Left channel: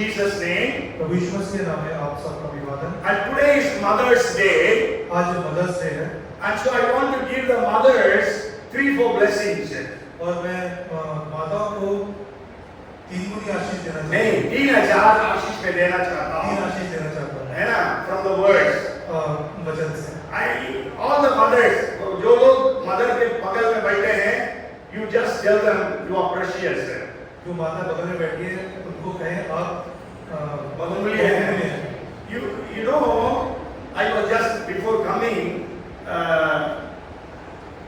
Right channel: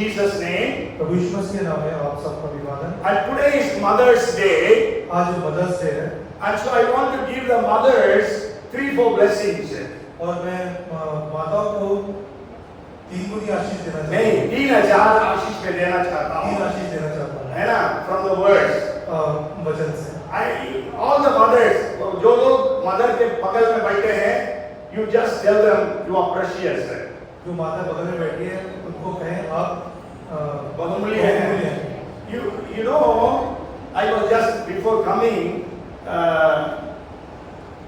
Jesus' name. प्रभु यीशु मसीह के नाम में आप सबका अभिवादन। And today is Mother's Day. आज मदर्स डे है And so I want to give the mothers 3-4 blessings. और मैं माताओं को 3 गुनी आशीष देना चाहता नहीं, हूँ। 3000 आशीष में देना चाहता 3 हूँ, आशीष देना चाहता हूँ है ना, from the words. वचन से। All the mothers, जो लोग मदर के बगल में बैठे हैं, you just tell them you are precious. जो माता बगल में बैठी है उनको कहें आप बहुमूल्य हैं। You know, I was just before coming,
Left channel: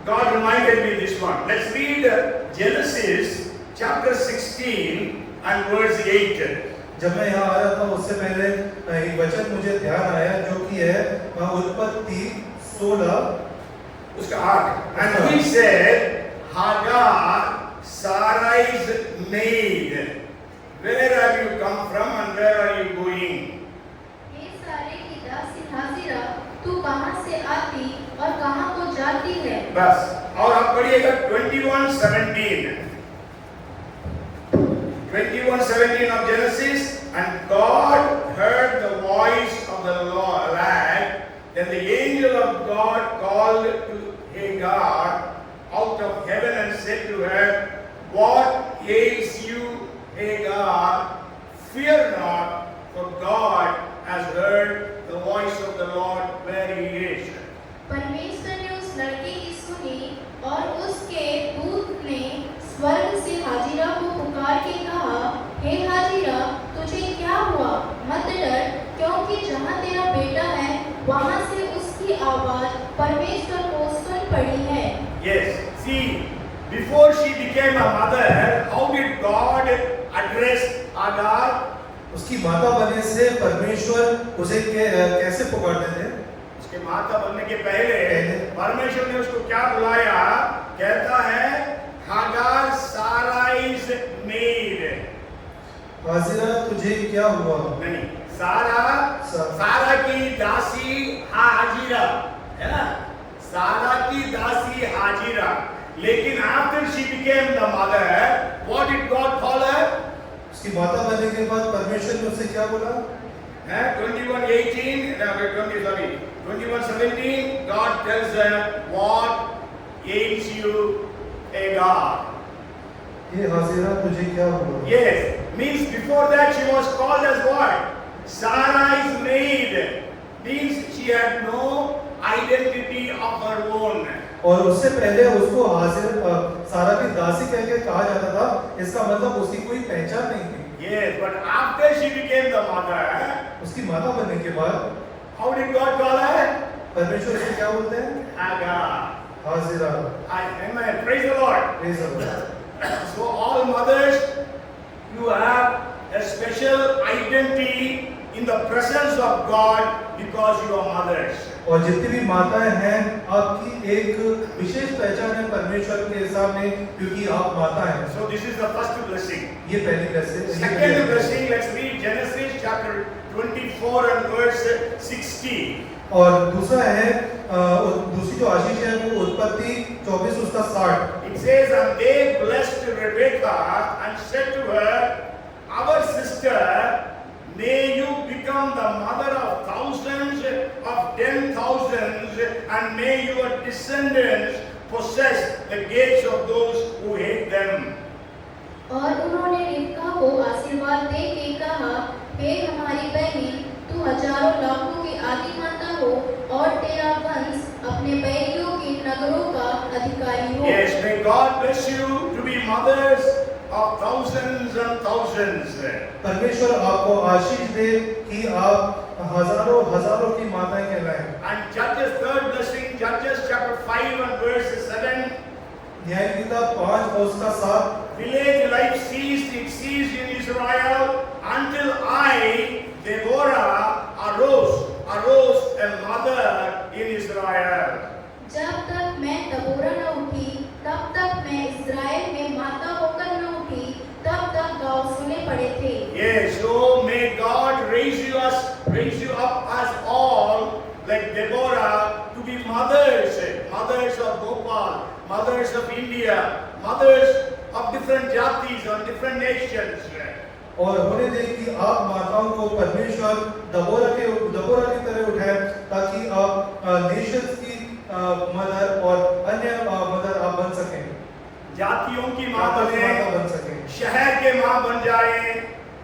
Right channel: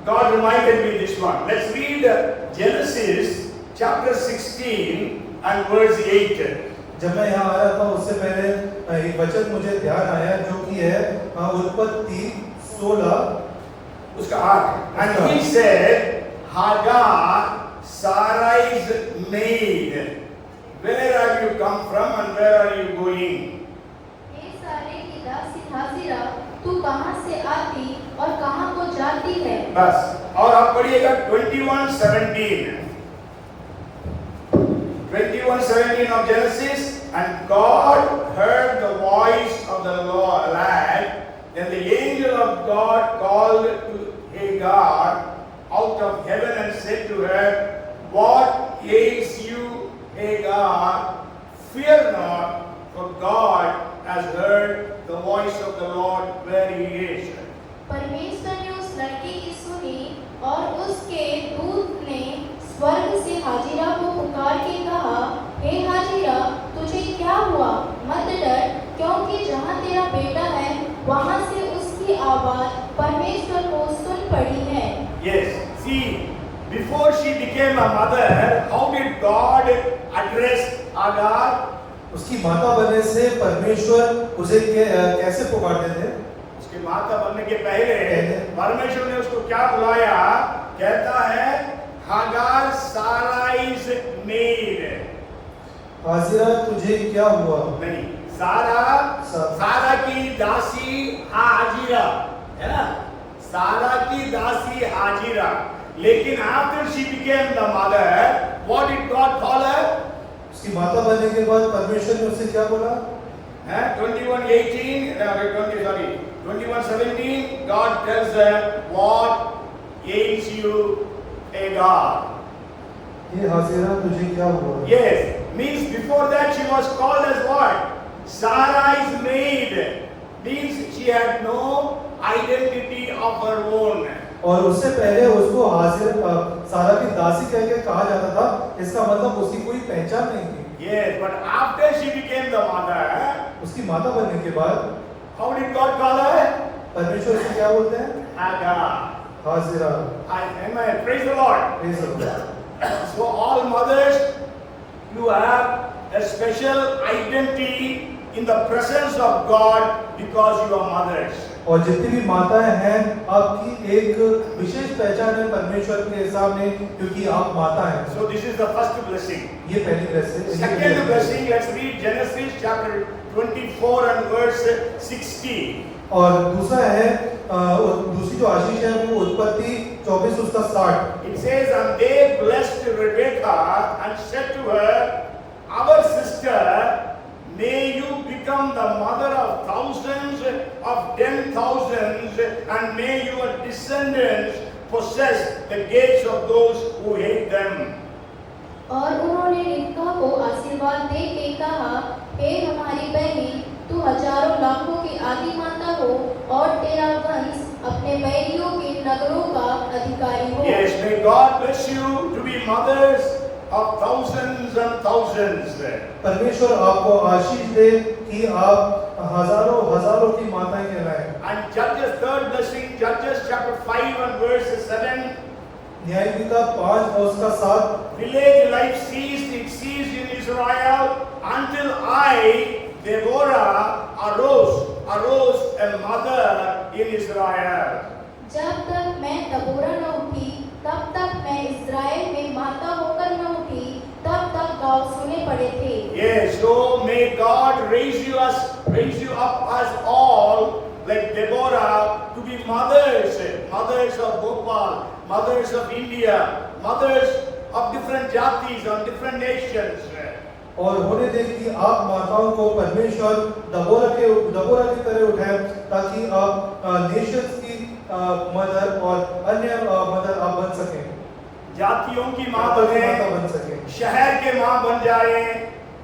God reminded me this one. Let's read Genesis chapter 16 and verse 8. जब मैं यहाँ आ रहा था उससे पहले एक वचन मुझे ध्यान आया जो कि है उत्पत्ति 16 उसका 8. And he said, Hagar, Sarai's maid, where have you come from and where are you going? हे सारे की दासी हाजिरा, तू कहाँ से आती और कहाँ को जाती है? बस, और आप पढ़िएगा 21:17. 21:17 of Genesis. And God heard the voice of the lad. Then the angel of God called to Hagar out of heaven and said to her, What ails you, Hagar? Fear not, for God has heard the voice of the Lord where he is. परमेश्वर ने उस लड़के की सुनी और उसके दूत ने स्वर्ग से हाजिरा को पुकार के कहा, हे हाजिरा, तुझे क्या हुआ? मत डर, क्योंकि जहाँ तेरा बेटा है वहाँ से उसकी आवाज परमेश्वर को सुन पड़ी है। Yes, see, before she became a mother, how did God address Hagar? उसकी माता बनने से परमेश्वर उसे कैसे पुकारते थे? उसकी माता बनने के पहले परमेश्वर ने उसको क्या बुलाया? कहता है हागार साराइज मेड। हाजिरा तुझे क्या हुआ? नहीं, सारा की दासी हाजिरा, है ना, सारा की दासी हाजिरा। लेकिन after she became the mother, what did God call her? उसकी माता बनने के बाद परमेश्वर ने उसे क्या बोला? 21:17, God tells her, what ails you, Hagar? ये हाजिरा तुझे क्या हुआ? Yes, means before that she was called as what? Sarai's maid. Means she had no identity of her own. और उससे पहले उसको हाजिरा सारा की दासी कह के कहा जाता था। इसका मतलब उसकी कोई पहचान नहीं थी। Yes, but after she became the mother, उसकी माता बनने के बाद how did God call her? परमेश्वर उसे क्या बोलते हैं? Hagar. Hajira. Amen. Praise the Lord. Praise the Lord. So all mothers, you have a special identity in the presence of God because you are mothers. और जितनी भी माताएं हैं आपकी एक विशेष पहचान है परमेश्वर के सामने क्योंकि आप माता हैं। So this is the first blessing. ये पहली blessing। Second blessing, let's read Genesis chapter 24 and verse 60. और दूसरा है दूसरी जो आशीष है वो उत्पत्ति 24 उसका 60। It says, and they blessed Rebekah and said to her, our sister, may you become the mother of thousands, of 10,000s, and may your descendants possess the gates of those who hate them. और उन्होंने रिबका को आशीर्वाद दे के कहा, हे हमारी बहनी, तू हजारों लाखों की आदि माता हो और तेरा वंश अपने बैरियों के नगरों का अधिकारी हो। Yes, may God bless you to be mothers of thousands and thousands. परमेश्वर आपको आशीष दे कि आप हजारों हजारों की माताएं कहलाएं। And Judges third blessing, Judges chapter 5 and verse 7. न्यायपिता 5 और उसका 7। Village life ceased, it ceased in Israel until I, Deborah, arose a mother in Israel. जब तक मैं दबोरा न उठी, तब तक मैं इस्राएल में माता होकर न उठी, तब तक गाँव सुने पड़े थे। Yes, so may God raise you up as all like Deborah to be mothers of Gopal, mothers of India, mothers of different jatis and different nations. और होने दे कि आप माताओं को परमेश्वर दबोरा की तरह उठाए, ताकि आप नेशंस की मदर और अन्य मदर आप बन सकें, जातियों की माँ माता बने, बन सकें, शहर के माँ बन जाए,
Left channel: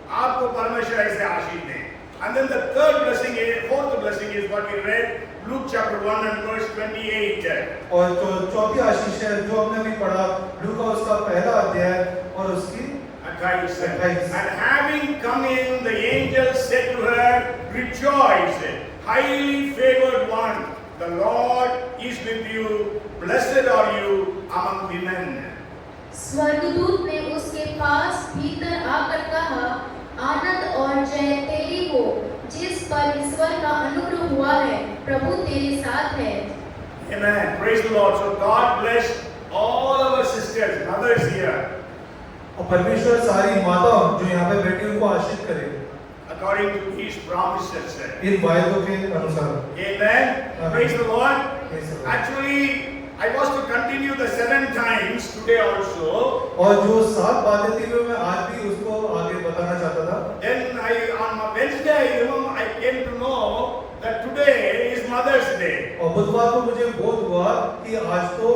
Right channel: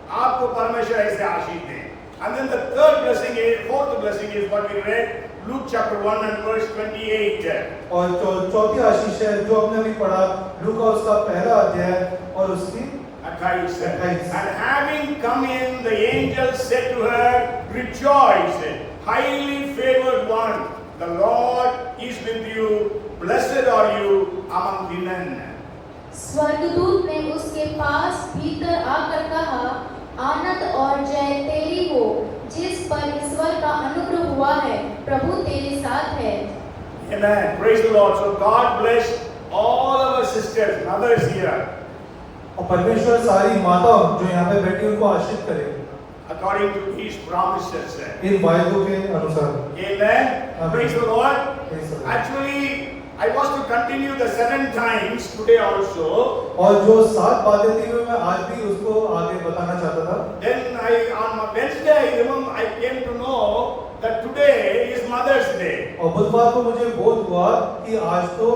आपको परमेश्वर ऐसे आशीष दे। And then the fourth blessing is what we read, Luke chapter 1 and verse 28. और चौथी आशीष है जो हमने अभी पढ़ा, लूका उसका पहला अध्याय और उसकी 28. And having come in, the angel said to her, rejoice, highly favored one, the Lord is with you, blessed are you among women. स्वर्गदूत ने उसके पास भीतर आकर कहा, आनंद और जय तेरी हो, जिस पर ईश्वर का अनुग्रह हुआ है, प्रभु तेरे साथ है। Amen. Praise the Lord. So God bless all our sisters, mothers here, और परमेश्वर सारी माताओं जो यहाँ पे बैठी उनको आशीष करे according to His promises. इन वायदों के अनुसार। Amen. Praise the Lord. Praise the Lord. Actually, I was to continue the 7 times today also. और जो 7 बातें थी वो मैं आज भी उसको आगे बताना चाहता था। Then on Wednesday, I came to know that today is Mother's Day. और बुधवार को मुझे बोध हुआ कि आज तो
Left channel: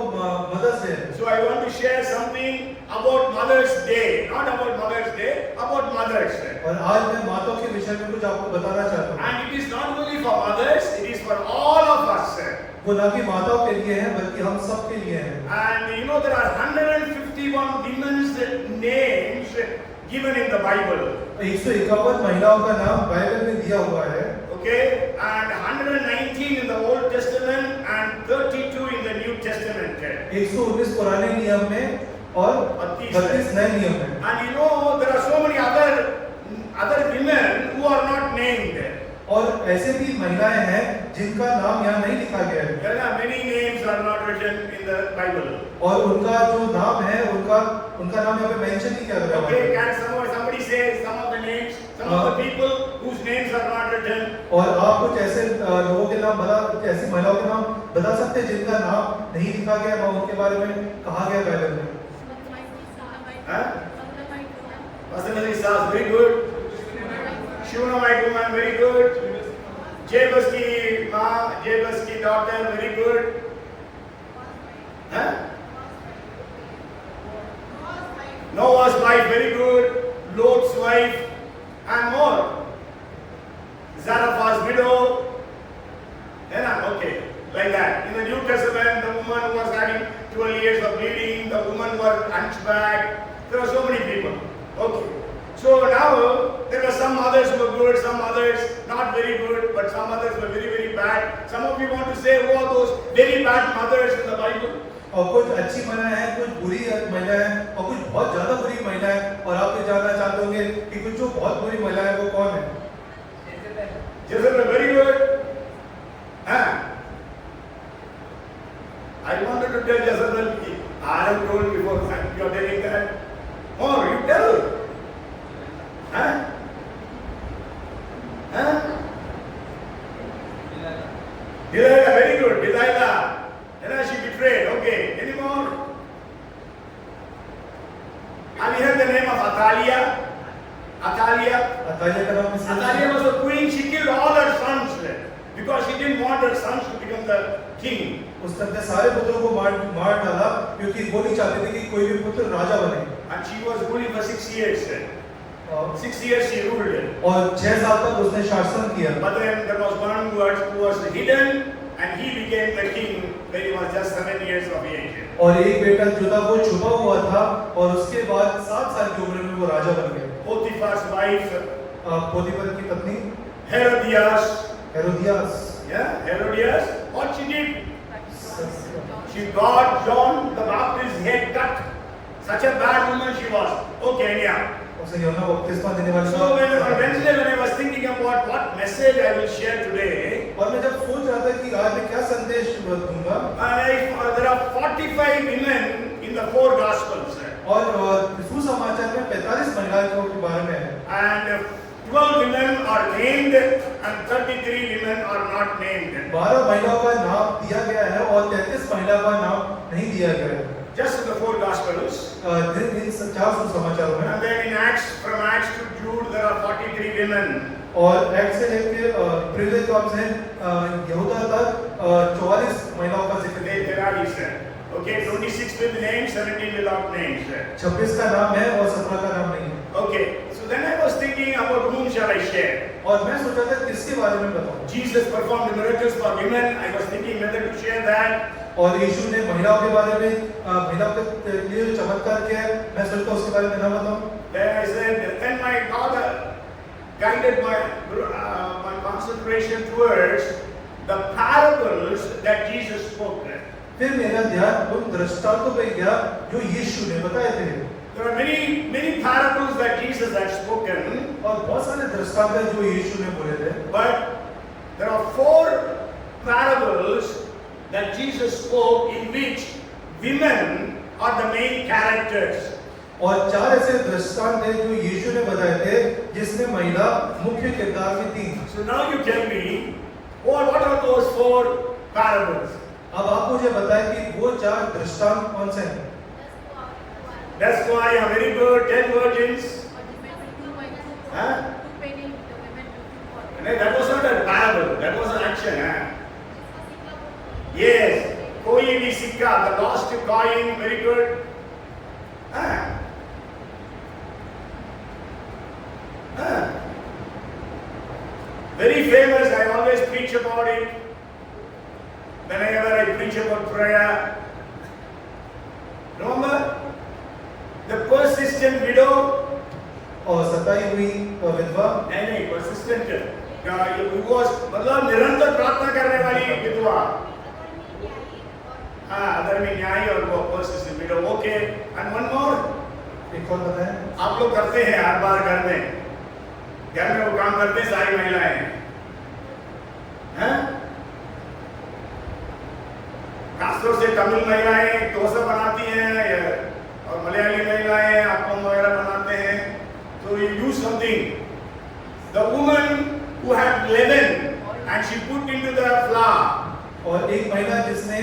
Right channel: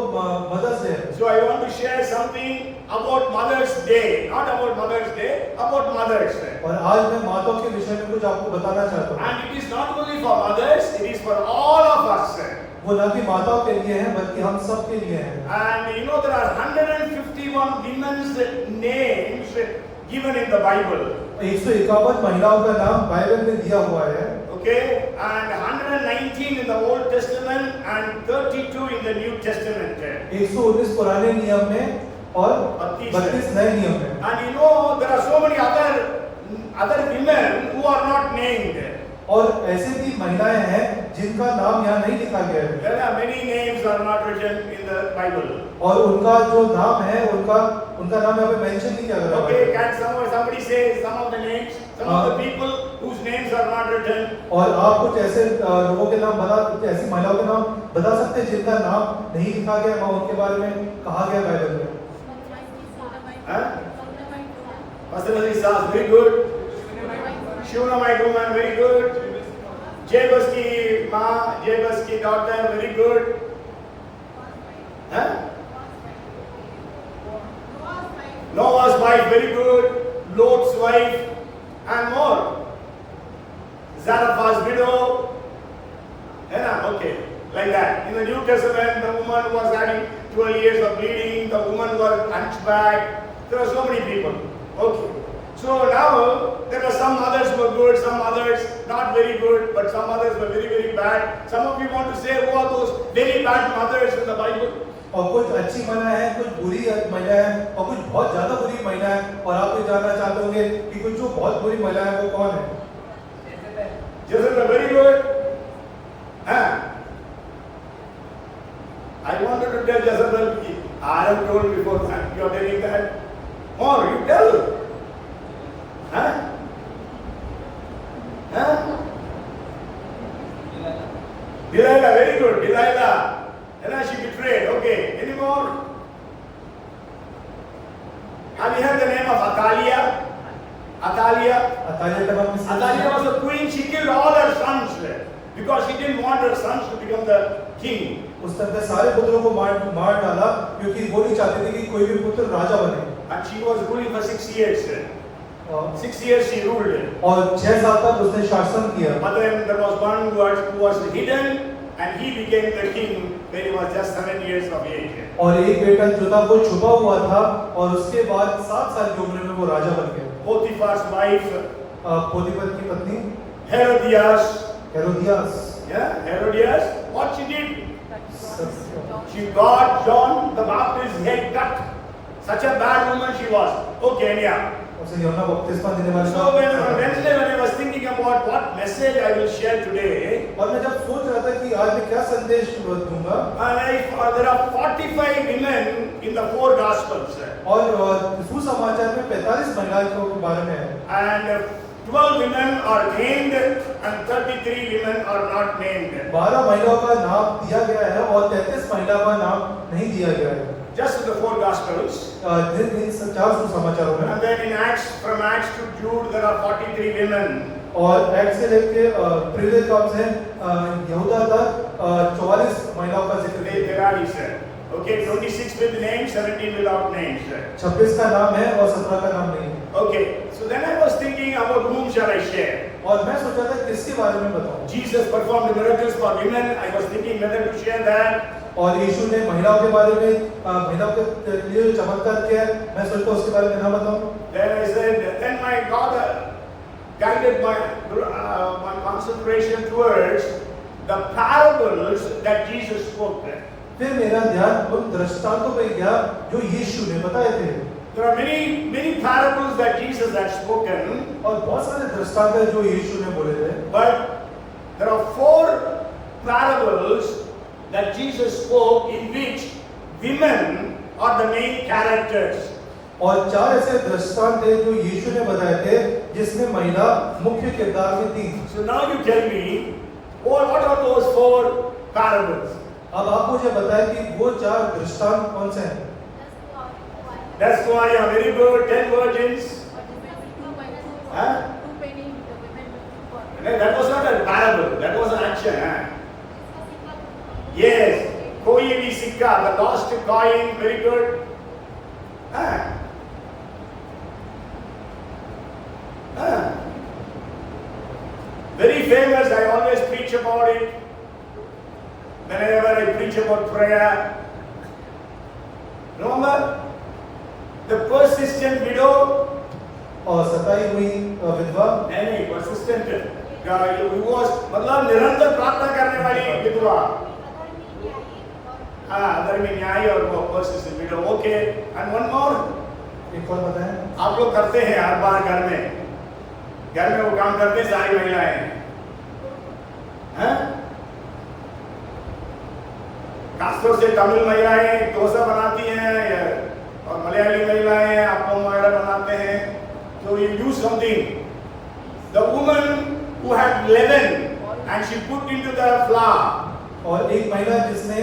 मदर्स डे है। So I want to share something about Mother's Day, not about Mother's Day, about mothers. और आज मैं माताओं के विषय में कुछ आपको बताना चाहता हूँ। And it is not only for mothers, it is for all of us. वो न कि माताओं के लिए है बल्कि हम सब के लिए है। And you know there are 151 women's names given in the Bible. 151 महिलाओं का नाम बाइबल में दिया हुआ है। Okay, and 119 in the Old Testament and 32 in the New Testament. 119 पुराने नियम में और 32 नए नियम में। And you know there are so many other women who are not named. और ऐसे भी महिलाएं हैं जिनका नाम यहाँ नहीं लिखा गया है। There are many names are not written in the Bible. और उनका जो नाम है उनका नाम यहाँ पे मेंशन नहीं किया गया है। Okay, can somebody say some of the names, some of the people whose names are not written? और आप कुछ ऐसे लोगों के नाम ऐसी महिलाओं के नाम बता सकते हैं जिनका नाम नहीं लिखा गया और उनके बारे में कहा गया बाइबल में? Pastor Sas, very good. Shivna Maikuman, very good. Jebus ki ma, Jebus ki daughter, very good. Noah's wife, very good. Lot's wife, and more. Zarephath's widow. Okay, like that. In the New Testament, the woman was having 12 years of bleeding. The woman was hunchback. There are so many people. Okay. So now there are some mothers who were good, some mothers not very good, but some mothers were very, very bad. Some of you want to say who are those very bad mothers in the Bible? और कुछ अच्छी महिलाएं हैं, कुछ बुरी महिलाएं हैं और कुछ बहुत ज्यादा बुरी महिलाएं हैं। और आप ये जानना चाहते होंगे कि कुछ जो बहुत बुरी महिलाएं हैं वो कौन है? Jezebel, very good. I wanted to tell Jezebel, I have told before that you are telling that. More, you tell. Delilah, very good. Delilah. And she betrayed. Okay. Any more? Have you heard the name of Athaliah? Athaliah? Attalia का नाम किसने? Athaliah was a queen. She killed all her sons because she didn't want her sons to become the king. उस तक सारे पुत्रों को मार डाला क्योंकि वो नहीं चाहते थे कि कोई भी पुत्र राजा बने। And she was ruling for 6 years. 6 years she ruled. और 6 साल तक उसने शासन किया। But then there was one who was hidden, and he became the king when he was just 7 years of age. और एक बेटा जो था वो छुपा हुआ था और उसके बाद 7 साल की उम्र में वो राजा बन गया। Potiphar's wife, पोतीफर की पत्नी Herodias. Yeah, Herodias. What she did? She got John the Baptist's head cut. Such a bad woman she was. Okay, anyhow. उसे यूहन्ना बपतिस्मा देने वाले। So on Wednesday when I was thinking about what message I will share today, और मैं जब सोच रहा था कि आज मैं क्या संदेश दूंगा, there are 45 women in the 4 Gospels. और सुसमाचार में 45 महिलाओं के बारे में है। And 12 women are named and 33 women are not named. 12 महिलाओं का नाम दिया गया है और 33 महिलाओं का नाम नहीं दिया गया है। just in the 4 Gospels. इन 4 सुसमाचारों में, And then in Acts, from Acts to Jude, there are 43 women. और एक्ट से लेके प्रेरित काम से यहूदा तक 44 महिलाओं का जिक्र है। There are, he said. Okay, 26 with names, 17 without names. 26 का नाम है और 17 का नाम नहीं है। Okay, so then I was thinking about whom shall I share? और मैं सोचा था किसके बारे में बताऊं। Jesus performed miracles for women. I was thinking whether to share that. और यीशु ने महिलाओं के बारे में महिलाओं के लिए जो चमत्कार किया है, मैं सोचता हूं उसके बारे में ना बताऊं। Then I said, then my God guided my concentration towards the parables that Jesus spoke. फिर मेरा ध्यान उन दृष्टांतों पे गया जो यीशु ने बताए थे। There are many parables that Jesus had spoken, और बहुत सारे दृष्टांत हैं जो यीशु ने बोले थे। but there are 4 parables that Jesus spoke in which women are the main characters. और 4 ऐसे दृष्टांत हैं जो यीशु ने बताए थे जिसमें महिला मुख्य किरदार में थी। So now you tell me, what are those 4 parables? अब आप मुझे बताएं कि वो 4 दृष्टांत कौन से हैं? 10 why a very bird, 10 virgins. Huh? No, that was not a parable. That was an action. Huh? Yes. Koi vi sikka, the lost coin. Very good. Huh? Huh? Very famous. I always preach about it. Whenever I preach about prayer. Remember? The persistent widow. और सताई हुई विधवा। नहीं, persistent. मतलब निरंतर प्रार्थना करने वाली विधवा। हाँ, धर्मी न्याय और वो persistent widow. Okay. And one more. एक और बताएं। आप लोग करते हैं हर बार घर में वो काम करते हैं सारी महिलाएं। हैं? खासतौर से तमिल महिलाएं डोसा बनाती हैं और मलयाली महिलाएं आपम वगैरह बनाते हैं। So you do something. The woman who had leaven and she put into the flour. और एक महिला जिसने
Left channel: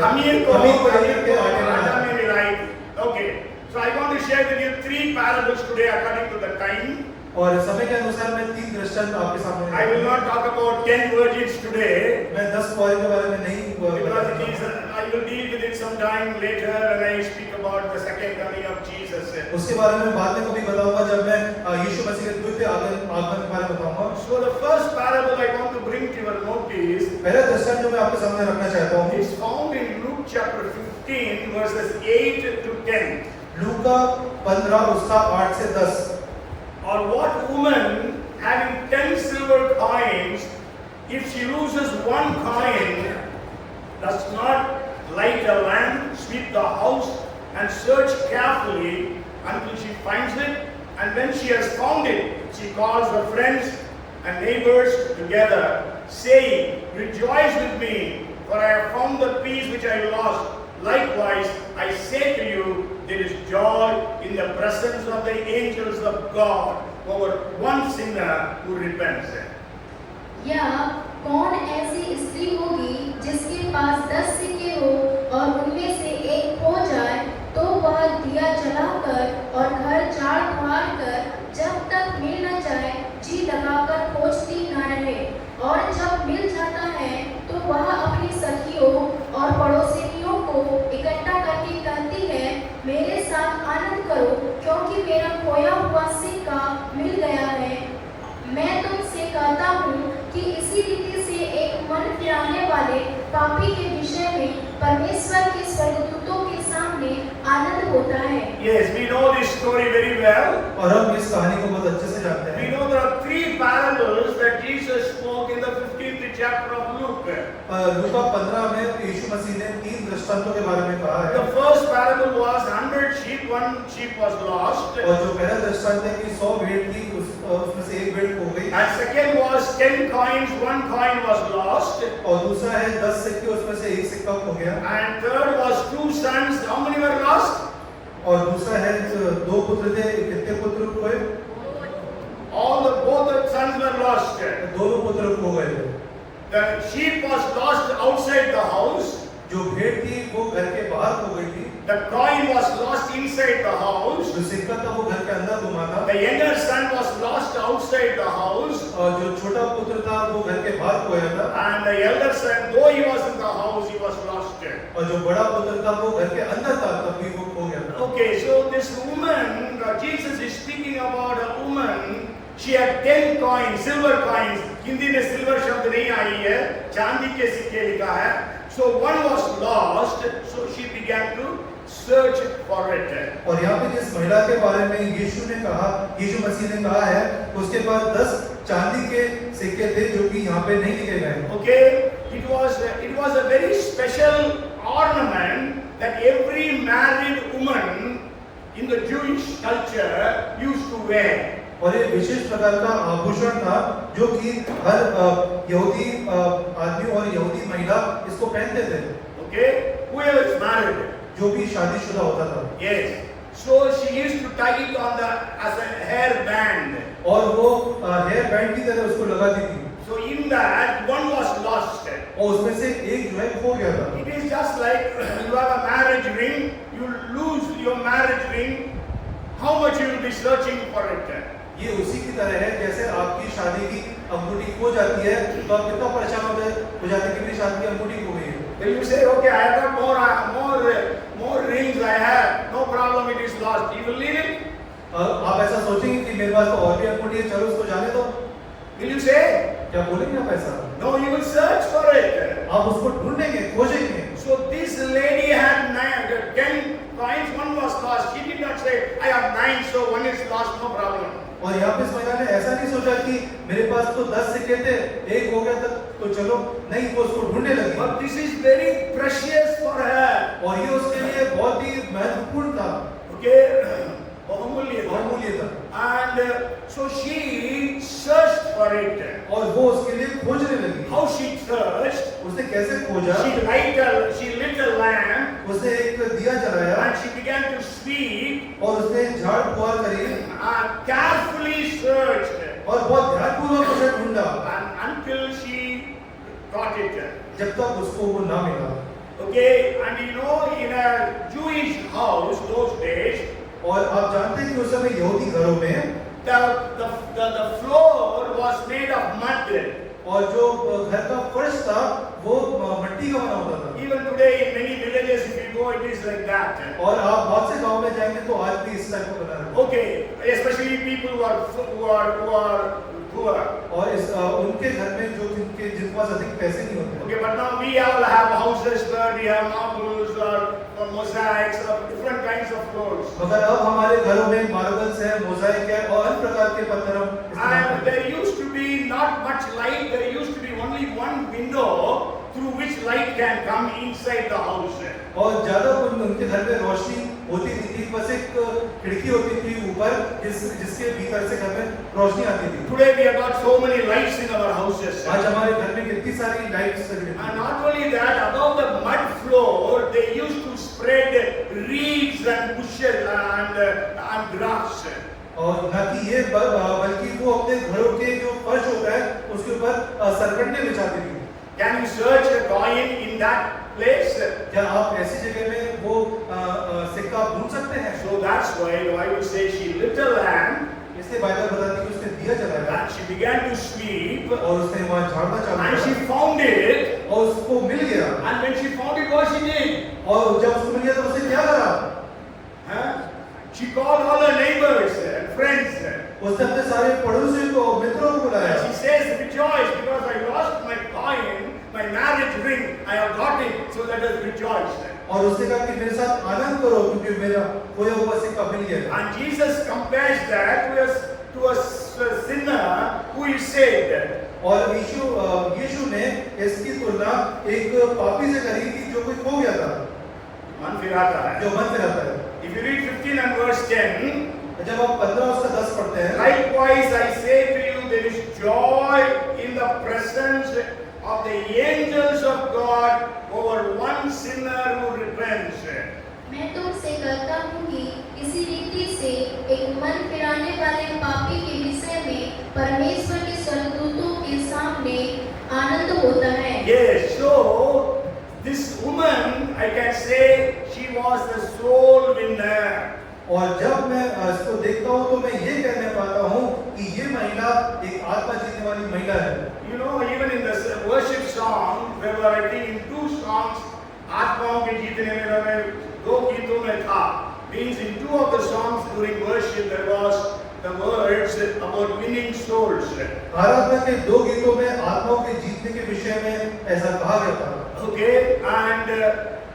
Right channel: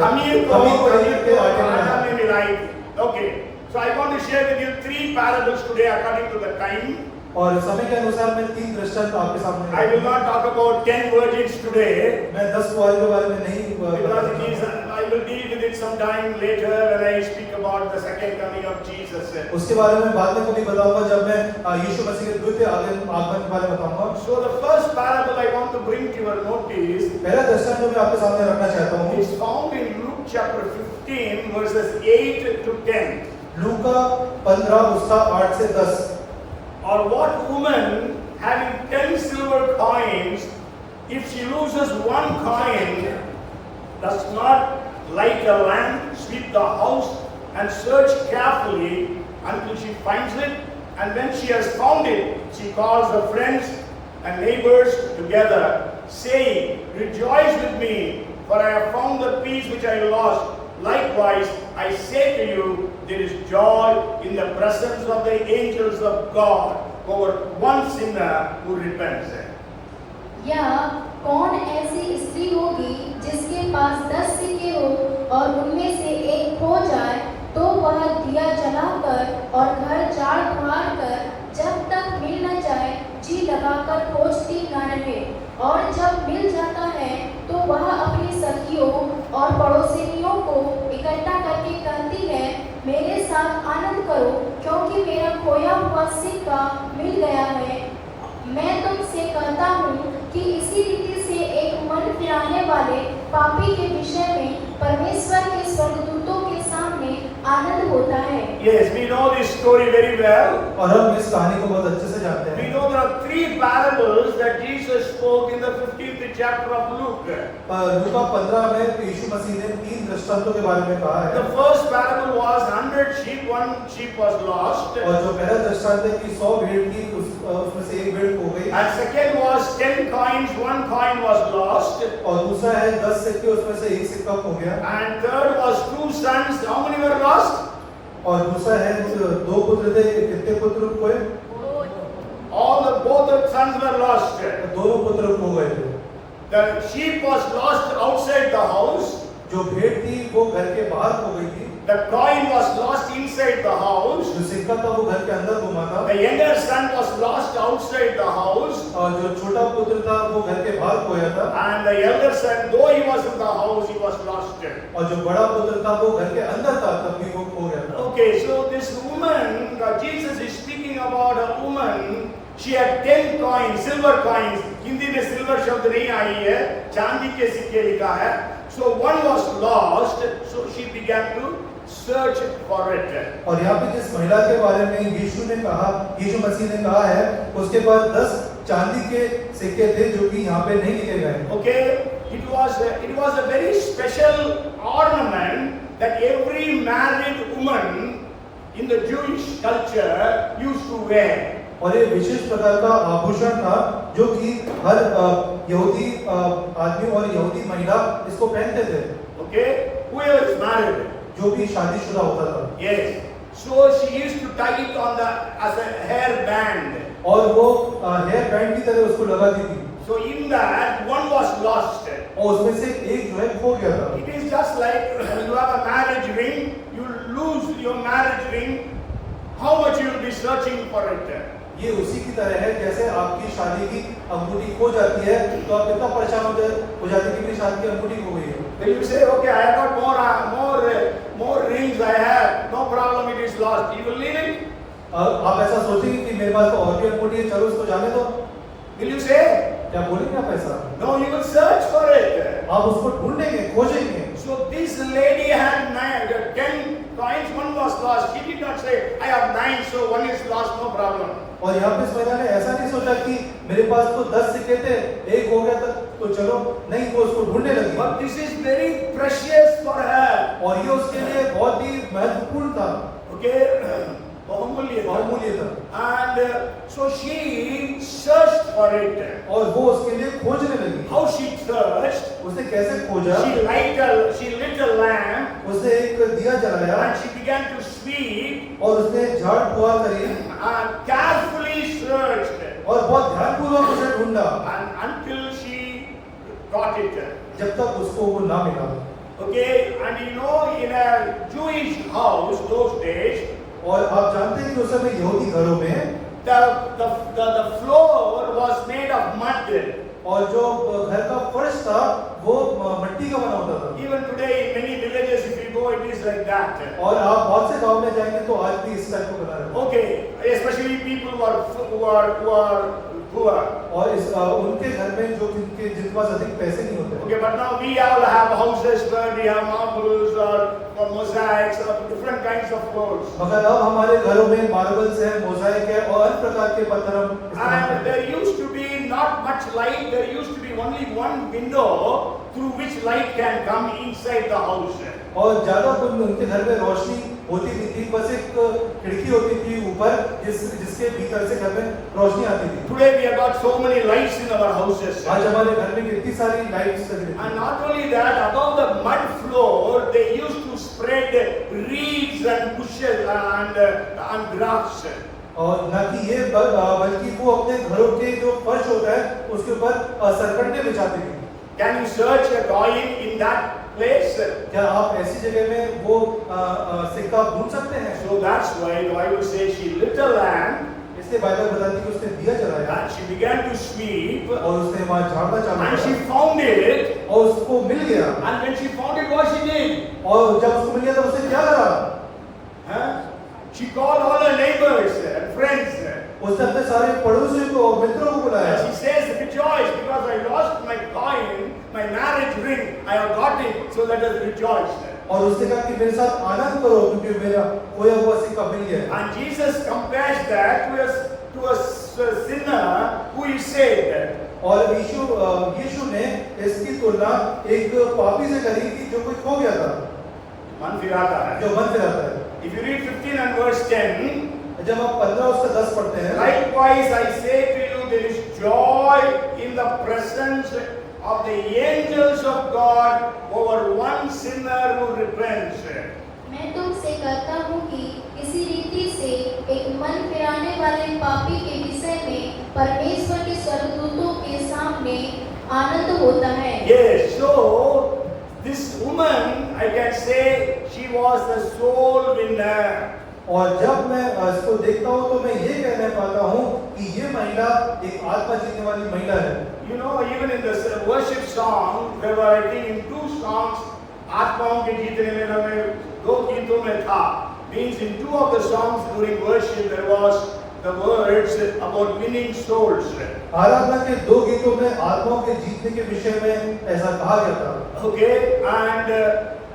खमीर को आटा में मिलाई। Okay. So I want to share with you 3 parables today according to the time. और समय के अनुसार मैं 3 दृष्टांत आपके सामने I will not talk about 10 virgins today. मैं 10 कुंवारी के बारे में नहीं Because it is, I will deal with it sometime later when I speak about the second coming of Jesus. उसके बारे में बाद में कभी बताऊंगा जब मैं यीशु मसीह के द्वितीय आगमन के बारे में बताऊंगा। So the first parable I want to bring to your notice. पहला दृष्टांत जो मैं आपके सामने रखना चाहता हूँ। It's found in Luke chapter 15 verses 8 to 10. लूका 15 उसका 8 से 10। Or what woman having 10 silver coins, if she loses 1 coin, does not light a lamp, sweep the house, and search carefully until she finds it? And when she has found it, she calls her friends and neighbors together, saying, "Rejoice with me, for I have found the piece which I lost. Likewise, I say to you, there is joy in the presence of the angels of God over one sinner who repents." या कौन ऐसी स्त्री होगी जिसके पास 10 सिक्के हो और उनमें से एक खो जाए तो वह दिया जलाकर और घर झाड़ बुहार कर जब तक मिल न जाए जी लगाकर खोजती न रहे, और जब मिल जाता है तो वह अपनी सखियों और पड़ोसियों को इकट्ठा करके कहती है, मेरे साथ आनंद करो क्योंकि मेरा खोया हुआ सिक्का मिल गया है। मैं तुमसे कहता हूँ कि इसी रीति से एक मन फिराने वाले पापी के विषय में परमेश्वर के स्वर्गदूतों के सामने आनंद होता है। Yes, we know this story very well. और हम इस कहानी को बहुत अच्छे से जानते We हैं। know there are 3 parables that Jesus spoke in the 15th chapter of Luke. लूका 15 में यीशु मसीह ने 3 दृष्टांतों के बारे में कहा The है। first parable was 100 sheep, 1 sheep was lost. और जो पहला दृष्टांत है कि 100 भेड़ थी, उसमें से एक भेड़ खो गई। And second was 10 coins, 1 coin was lost. और दूसरा है 10 सिक्के, उसमें से एक सिक्का खो गया। And third was 2 sons, how many were lost? और दूसरा है 2 पुत्र थे, कितने पुत्र हुए? Both the sons were lost. दोनों पुत्र खो गए थे। The sheep was lost outside the house. जो भेड़ थी वो घर The coin was lost inside the house. जो सिक्का था वो घर के अंदर घुमा था, The younger son was lost outside the house. और जो छोटा पुत्र था वो घर के बाहर खोया था, And the elder son, though he was in the house, he was lost. और जो बड़ा पुत्र था वो घर के अंदर था, तब भी वो खो गया था। Okay, so this woman, Jesus is speaking about a woman. She had 10 coins, silver coins. Hindi में सिल्वर शब्द नहीं आई है, चांदी के सिक्के लिखा है. So one was lost, so she began to search for it. और यहाँ पे जिस महिला के बारे में यीशु ने कहा, यीशु मसीह ने कहा है, उसके पास 10 चांदी के सिक्के थे जो कि यहाँ पे नहीं लिखे गए। Okay, it was a very special ornament that every married woman in the Jewish culture used to wear. और ये विशेष प्रकार का आभूषण था जो कि हर यहूदी आदमी और यहूदी महिला इसको पहनते थे। Okay, whoever is married. जो भी शादीशुदा होता था। Yes. So she used to tie it on as a hair band. और वो हेयर बैंड की तरह उसको लगाती थी। So in that one was lost. और उसमें से एक जो है खो गया था। It is just like you have a marriage ring, you lose your marriage ring, how much you will be searching for it? ये उसी की तरह है जैसे आपकी शादी की अंगूठी खो जाती है तो आप कितना परेशान हो जाते हैं कि मेरी शादी की अंगूठी खो गई है। When you say, okay, I have got more rings I have, no problem, it is lost. You will leave it? आप ऐसा सोचेंगे कि मेरे पास तो और भी अंगूठी है, चलो उसको जाने दो। Will you say? क्या बोलेंगे आप ऐसा? No, you will search for it. आप उसको ढूंढेंगे, खोजेंगे। So this lady had 10 coins, one was lost. She did not say, I have 9, so one is lost, no problem. और यहाँ पे इस महिला ने ऐसा नहीं सोचा कि मेरे पास तो 10 सिक्के थे, एक हो गया था, तो चलो नहीं, वो उसको ढूंढने लगी। But this is very precious for her. और ये उसके लिए बहुत ही महत्वपूर्ण था। Okay, बहुमूल्य था। बहुमूल्य था। And so she searched for it. और वो उसके लिए खोजने लगी। How she searched? उसने कैसे खोजा? She lit a lamp. उसने एक दिया जलाया। And she began to sweep. और उसने झाड़ फुहार करी। And carefully searched. और बहुत ध्यानपूर्वक उसे ढूंढा। And until she got it. जब तक उसको वो ना मिला। Okay, and you know, in a Jewish house those days, और आप जानते हैं कि उस समय यहूदी घरों में the floor was made of mud. और जो घर का फर्श था वो मिट्टी का बना होता था। Even today in many villages, if you go, it is like that. और आप बहुत से गांव में जाएंगे तो आज भी इस टाइप को बना रहता है। Okay, especially people who are poor. और इस उनके घर में जो जिनके पास अधिक पैसे नहीं होते। Okay, but now we all have houses where we have marbles or mosaics or different kinds of floors. मगर अब हमारे घरों में मार्बल्स है, मोज़ाइक है और अन्य प्रकार के पत्थर हम इस्तेमाल And करते हैं। there used to be not much light. There used to be only one window through which light can come inside the house. और ज्यादा उनके घर में रोशनी होती थी, बस एक खिड़की होती थी ऊपर जिसके भीतर से घर में रोशनी आती थी। Today we have got so many lights in our houses. आज हमारे घर में कितनी सारी लाइट्स लगी And not only that, above the mud floor, they used to spread reeds and bushes and grass. और न कि ये बल्कि वो अपने घरों के जो फर्श होता है उसके ऊपर सरकंडे बिछाते थे। Can you search a coin in that place? क्या आप ऐसी जगह में वो सिक्का ढूंढ सकते हैं? So that's why the Bible says she lit a lamp इसलिए बाइबल बताती है कि उसने दिया जलाया and she began to sweep और उसने वहां झाड़ना चालू and किया she found it. और उसको मिल गया। And when she found it, what she did? और जब उसको मिल गया तो उसने क्या करा? Huh? She called all her neighbors and friends. उसने अपने सारे पड़ोसियों को मित्रों को बुलाया। And she says, rejoice because I lost my coin, my marriage ring. I have got it, so let us rejoice. और उसने कहा कि मेरे साथ आनंद करो क्योंकि मेरा खोया हुआ सिक्का मिल गया। And Jesus compares that to a sinner who is saved. और यीशु ने इसकी तुलना एक पापी से करी कि जो कोई खो गया था, मन फिराता है। जो मन फिराता है। If you read 15 and verse 10, जब आप 15 उसका 10 पढ़ते हैं, likewise I say to you, there is joy in the presence of the angels of God over one sinner who repents. मैं तुमसे कहता हूँ कि इसी रीति से एक मन फिराने वाले पापी के विषय में परमेश्वर के स्वर्गदूतों के सामने आनंद होता है। Yes, so this woman, I can say, she was the soul winner. और जब मैं इसको देखता हूँ तो मैं ये कहने पाता हूँ कि ये महिला एक आत्मा जीतने वाली महिला है। You know, even in the worship song, there were, I think, in 2 songs, आत्माओं के जीतने में 2 गीतों में था. Means in 2 of the songs during worship there was the words about winning souls. आराधना के 2 गीतों में आत्माओं के जीतने के विषय में ऐसा कहा गया था। Okay, and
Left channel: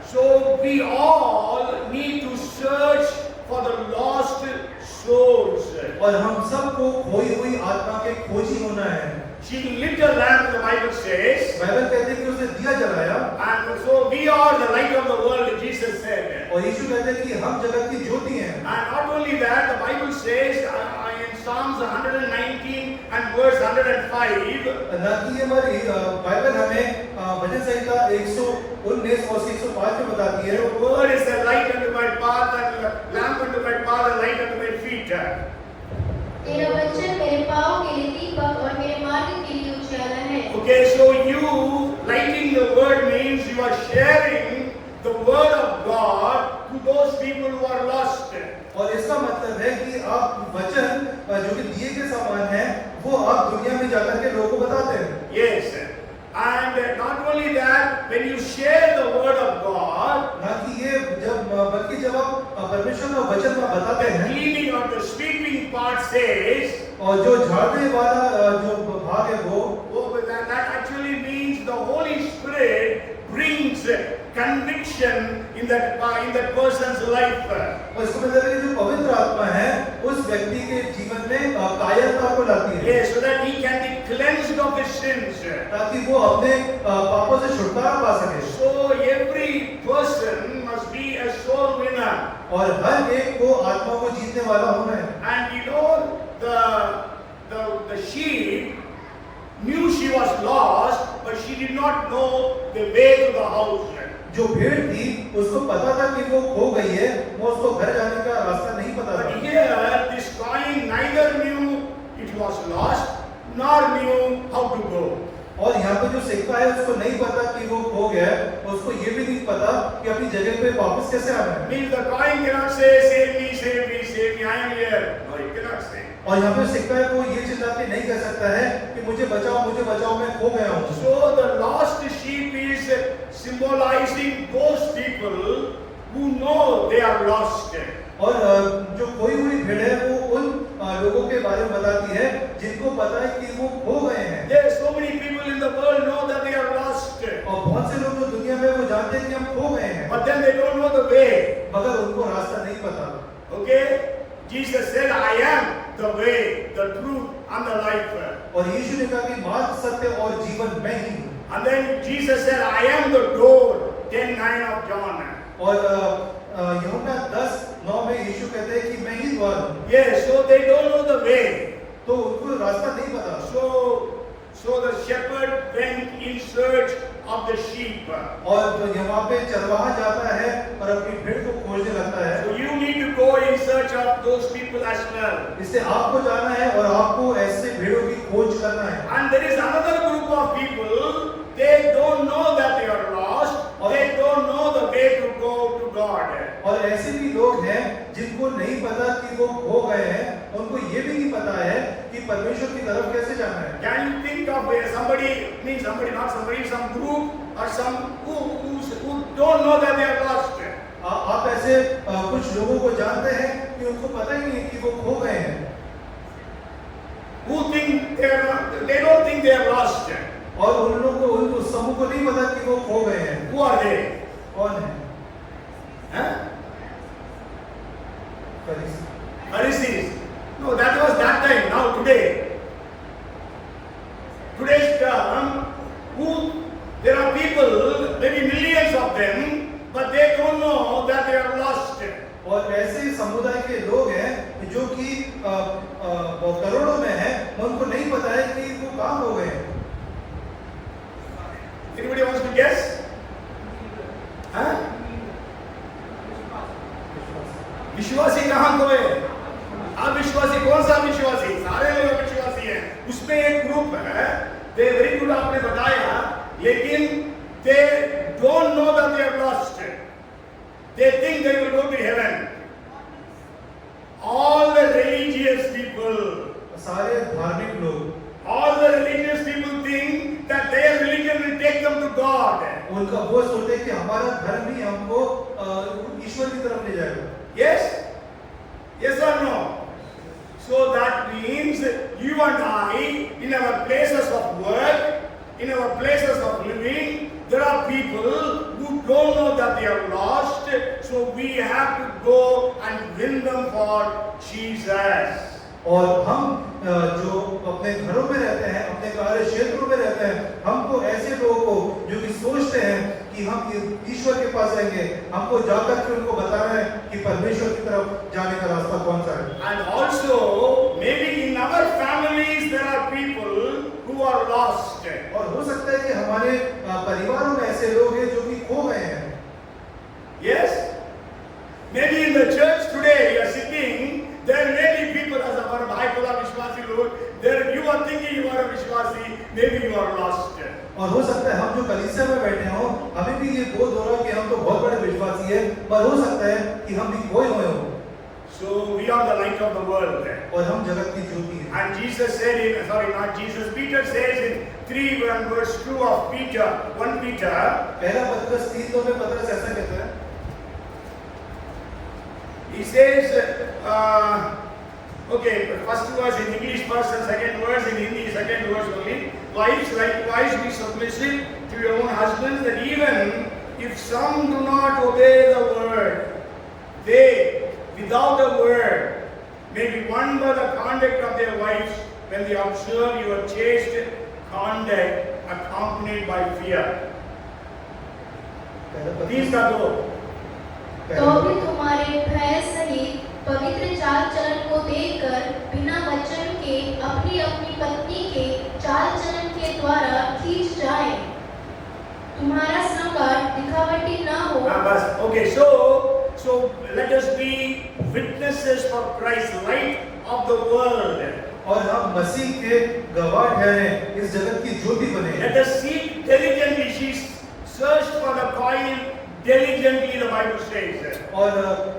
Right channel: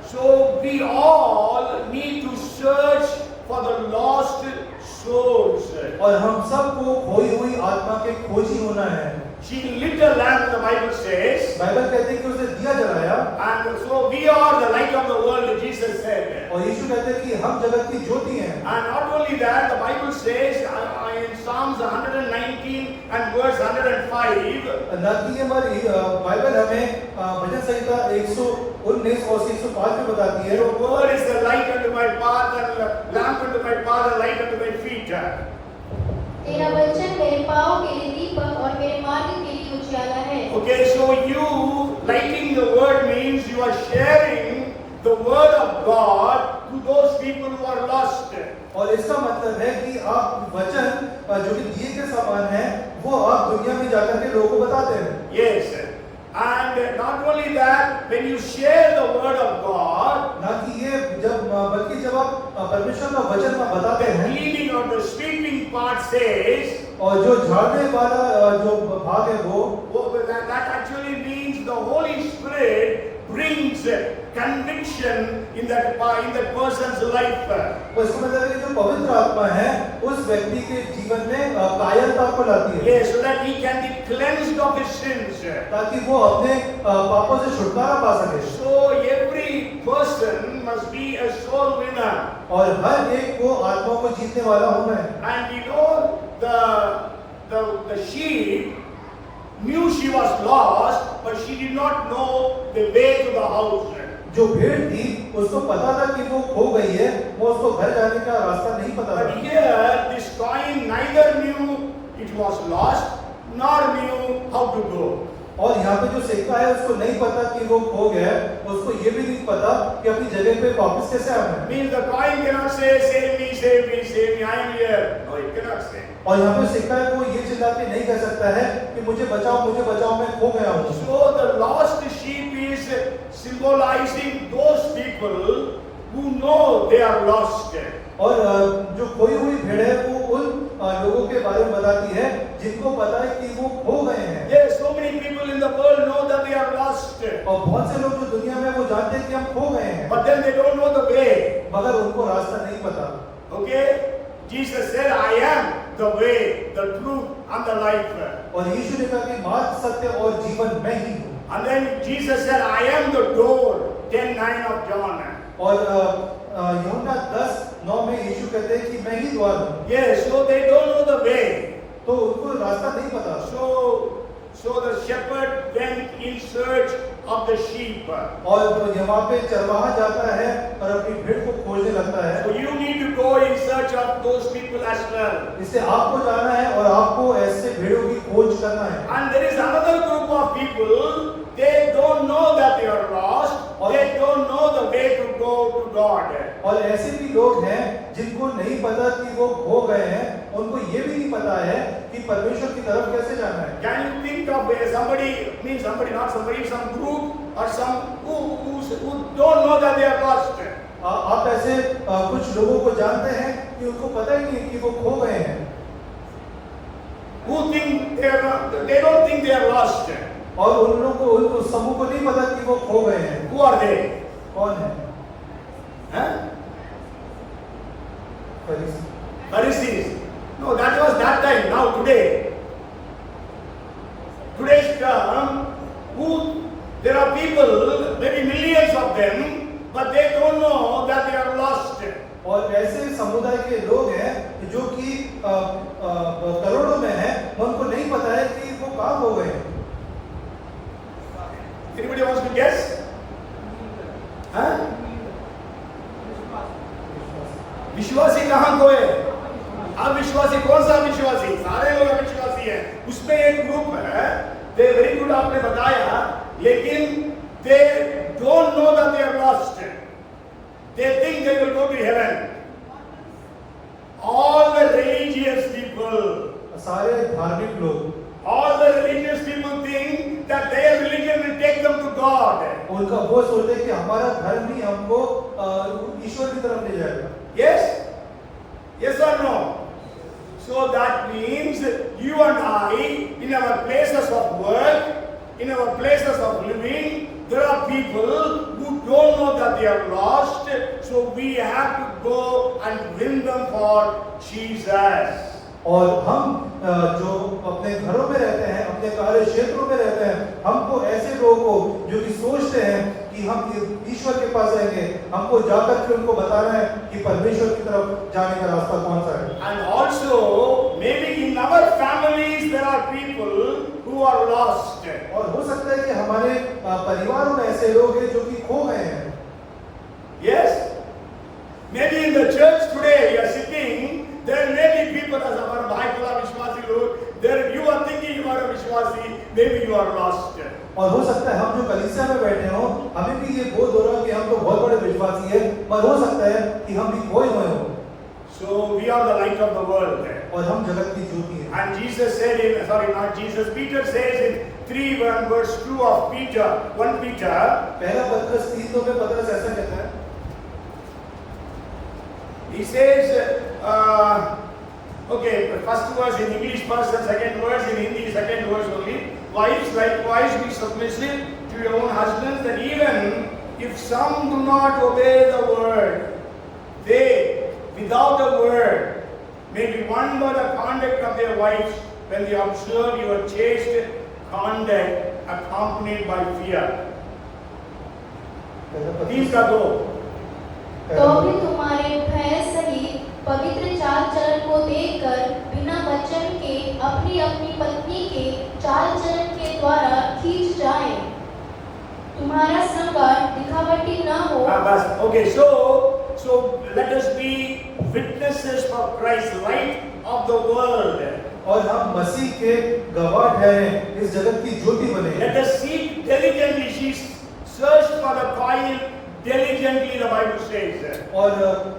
so we all need to search for the lost souls. और हम सबको खोई हुई आत्मा के खोजी होना है। She lit a lamp, the Bible says, Bible कहते हैं कि उसने दिया जलाया, and so we are the light of the world, Jesus said. और यीशु कहते हैं कि हम जगत की ज्योति हैं। And not only that, the Bible says in Psalms 119 and verse 105, ना कि हमारी बाइबल हमें भजन संहिता 119 और 105 में बताती है, your word is the light unto my path and lamp unto my path and light unto my feet. तेरा वचन मेरे पाँव के लिए दीपक और मेरे मार्ग के लिए उजाला है। Okay, so you lighting the word means you are sharing the word of God to those people who are lost. और इसका मतलब है कि आप वचन जो कि दिए के समान है वो आप दुनिया में जाकर के लोगों को बताते हैं। Yes, and not only that, when you share the word of God, ना कि ये बल्कि जब आप परमेश्वर का वचन बताते the हैं, cleaning or the sweeping part says, और जो झाड़ने वाला जो भाग है वो that actually means the Holy Spirit brings conviction in that person's life. और इसका मतलब है कि जो पवित्र आत्मा है उस व्यक्ति के जीवन में कायरता को लाती है। Yes, so that he can be cleansed of his sins. ताकि वो अपने पापों से छुटकारा पा सके। So every person must be a soul winner. और हर एक को आत्मा को जीतने वाला होना है। And you know, the sheep knew she was lost, but she did not know the way to the house. जो भेड़ थी उसको पता था कि वो खो गई है, वो उसको घर जाने का रास्ता नहीं पता But था। here, this coin neither knew it was lost, nor knew how to go. और यहाँ पे जो सिक्का है उसको नहीं पता कि वो खो गया है, उसको ये भी नहीं पता कि अपनी जगह पे वापस कैसे आना है। Means the coin cannot say, save me, save me, save me, I am here. No, it cannot say. और यहाँ पे सिक्का है वो ये चिल्ला के नहीं कह सकता है कि मुझे बचाओ, मैं खो गया हूँ। So the lost sheep is symbolizing those people who know they are lost. और जो खोई हुई भेड़ है वो उन लोगों के बारे में बताती है जिनको पता है कि वो खो गए हैं। Yes, so many people in the world know that they are lost. और बहुत से लोग जो दुनिया में वो जानते हैं कि हम खो गए हैं, But then they don't know the way. मगर उनको रास्ता नहीं पता। Okay? Jesus said, I am the way, the truth, and the life. और यीशु ने कहा कि मार्ग, सत्य और जीवन मैं ही हूँ। And then Jesus said, I am the door, 10:9 of John. और यूहन्ना 10:9 में यीशु कहते हैं कि मैं ही द्वार हूँ। Yes, so they don't know the way. तो उनको रास्ता नहीं पता। So the shepherd went in search of the sheep. और यहाँ पे चरवाहा जाता है और अपनी भेड़ को खोजने लगता है। So you need to go in search of those people as well. इससे आपको जाना है और आपको ऐसे भेड़ों की खोज करना है। And there is another group of people, they don't know that they are lost. They don't know the way to go to God. और ऐसे भी लोग हैं जिनको नहीं पता कि वो खो गए हैं, उनको ये भी नहीं पता है कि परमेश्वर की तरफ कैसे जाना है। Can you think of some group or some who don't know that they are lost? आप ऐसे कुछ लोगों को जानते हैं कि उनको पता ही नहीं कि वो खो गए हैं। Who think they don't think they are lost? और उन लोगों को उनको समूह को नहीं पता कि वो खो गए हैं। Who are they? कौन है? Huh? फरीसी। Pharisees. No, that was that time. Now today. Today's term, there are people, maybe millions of them, but they don't know that they are lost. और ऐसे समुदाय के लोग हैं जो कि करोड़ों में हैं, उनको नहीं पता है कि वो कहाँ खो गए हैं। Anybody wants to guess? Huh? विश्वासी कहाँ खोए? अविश्वासी कौन सा विश्वासी? सारे लोग अविश्वासी हैं। उसमें एक ग्रुप है, they very good आपने बताया, लेकिन they don't know that they are lost. they think they will go to heaven. All the religious people, सारे धार्मिक लोग, all the religious people think that their religion will take them to God. उनका वो सोचते हैं कि हमारा धर्म ही हमको ईश्वर की तरफ ले जाएगा। Yes? Yes or no? So that means you and I, in our places of work, in our places of living, there are people who don't know that they are lost. So we have to go and win them for Jesus. और हम जो अपने घरों में रहते हैं, अपने कार्य क्षेत्रों में रहते हैं, हमको ऐसे लोगों को जो कि सोचते हैं कि हम ईश्वर के पास रहेंगे, हमको जाकर के उनको बताना है कि परमेश्वर की तरफ जाने का रास्ता कौन सा है। And also, maybe in our families there are people who are lost. और हो सकता है कि हमारे परिवारों में ऐसे लोग हैं जो कि खो गए हैं। Yes? Maybe in the church today you are sitting, there may be people as our Bhai Vishwasi Lord, there you are thinking you are a Vishwasi, maybe you are lost. और हो सकता है हम जो कलीसिया में बैठे हों, हमें भी ये बोध हो रहा है कि हम तो बहुत बड़े विश्वासी हैं, पर हो सकता है कि हम भी खोए हुए हों। So we are the light of the world. और हम जगत की ज्योति हैं। And Jesus said in, sorry, not Jesus, Peter says in 3 verse 2 of Peter, 1 Peter, पहला पत्रस 3:2 में पत्रस ऐसा कहता है, he says, okay, first verse in English first and second verse in Hindi, second verse only. Wives, likewise be submissive to your own husbands, that even if some do not obey the word, they, without a word, may be won by the conduct of their wives when they observe your chaste conduct accompanied by fear. These are those. तो भी तुम्हारे भय सहित पवित्र चाल चलन को देखकर बिना वचन के अपनी अपनी पत्नी के चाल चलन के द्वारा खींच जाए, तुम्हारा श्रृंगार दिखावटी न हो। Okay, so let us be witnesses for Christ, light of the world. और हम मसीह के गवाह ठहरें, इस जगत की ज्योति बने। Let us seek diligently. She searched for the coin diligently, the Bible says. और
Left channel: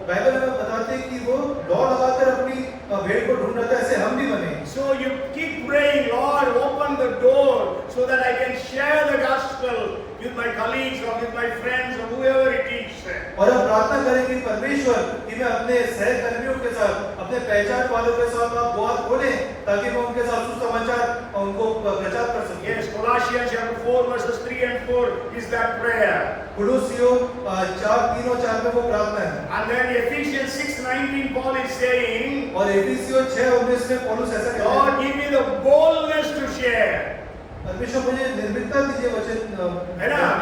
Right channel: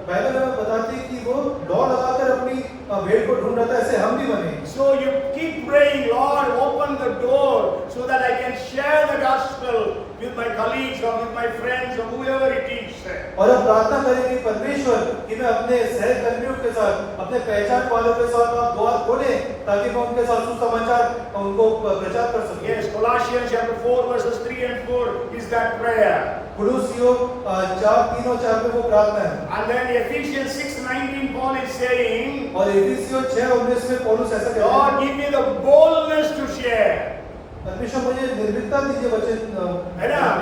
बाइबल में बताते हैं कि वो दौड़ लगाकर अपनी भेड़ को ढूंढ रहा था, ऐसे हम भी बने। So you keep praying, Lord, open the door so that I can share the gospel with my colleagues or with my friends or whoever it is. और अब प्रार्थना करें कि परमेश्वर कि मैं अपने सहकर्मियों के साथ, अपने पहचान वालों के साथ आप द्वार खोलें ताकि मैं उनके साथ सुसमाचार उनको प्रचार कर सकूं। Yes, Colossians chapter 4 verses 3 and 4 is that prayer. कुलुसियों 4:3 और 4 में वो प्रार्थना है। And then Ephesians 6:19 Paul is saying, और एफिसियों 6:19 में पौलुस ऐसा कहता है, Lord, give me the boldness to share. परमेश्वर मुझे निर्भीकता दीजिए वचन।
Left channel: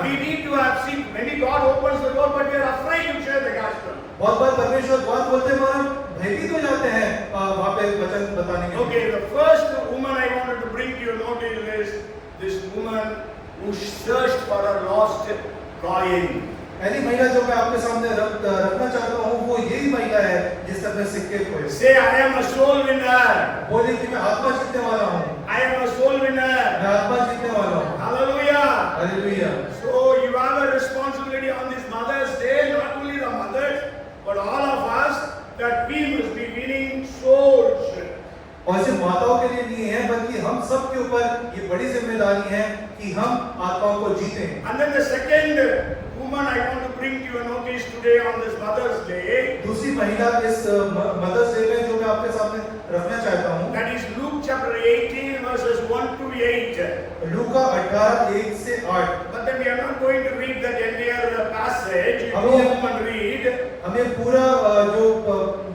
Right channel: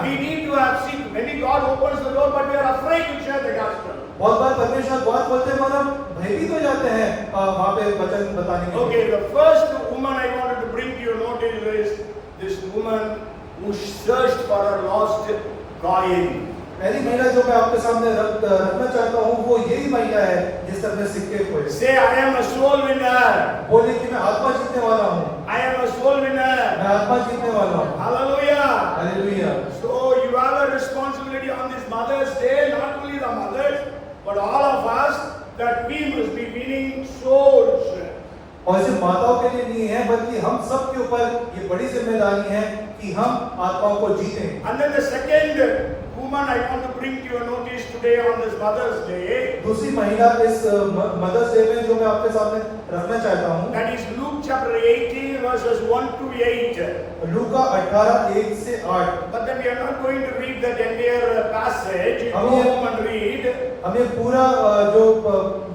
We need to have seen maybe God opens the door, but we are afraid to share the gospel. बहुत बार परमेश्वर बात बोलते हैं मगर हम भयभीत हो जाते हैं वहाँ पे वचन बताने के लिए। Okay, the first woman I wanted to bring to your notice is this woman who searched for a lost coin. पहली महिला जो मैं आपके सामने रखना चाहता हूँ वो यही महिला है जिसने अपने सिक्के खोए। Say, I am a soul winner. बोले कि मैं आत्मा जीतने वाला हूँ। I am a soul winner. मैं आत्मा जीतने वाला हूँ। Hallelujah. Hallelujah. So you have a responsibility on this Mother's Day, not only the mothers, but all of us, that we must be winning souls. और सिर्फ माताओं के लिए नहीं है बल्कि हम सब के ऊपर ये बड़ी जिम्मेदारी है कि हम आत्माओं को जीतें। And then the second woman I want to bring to your notice today on this Mother's Day, दूसरी महिला इस मदर्स डे में जो मैं आपके सामने रखना चाहता हूँ, that is Luke chapter 18 verses 1 to 8. लूका 18:1 से 8। But then we are not going to read that entire passage. You go home and read. हमें पूरा जो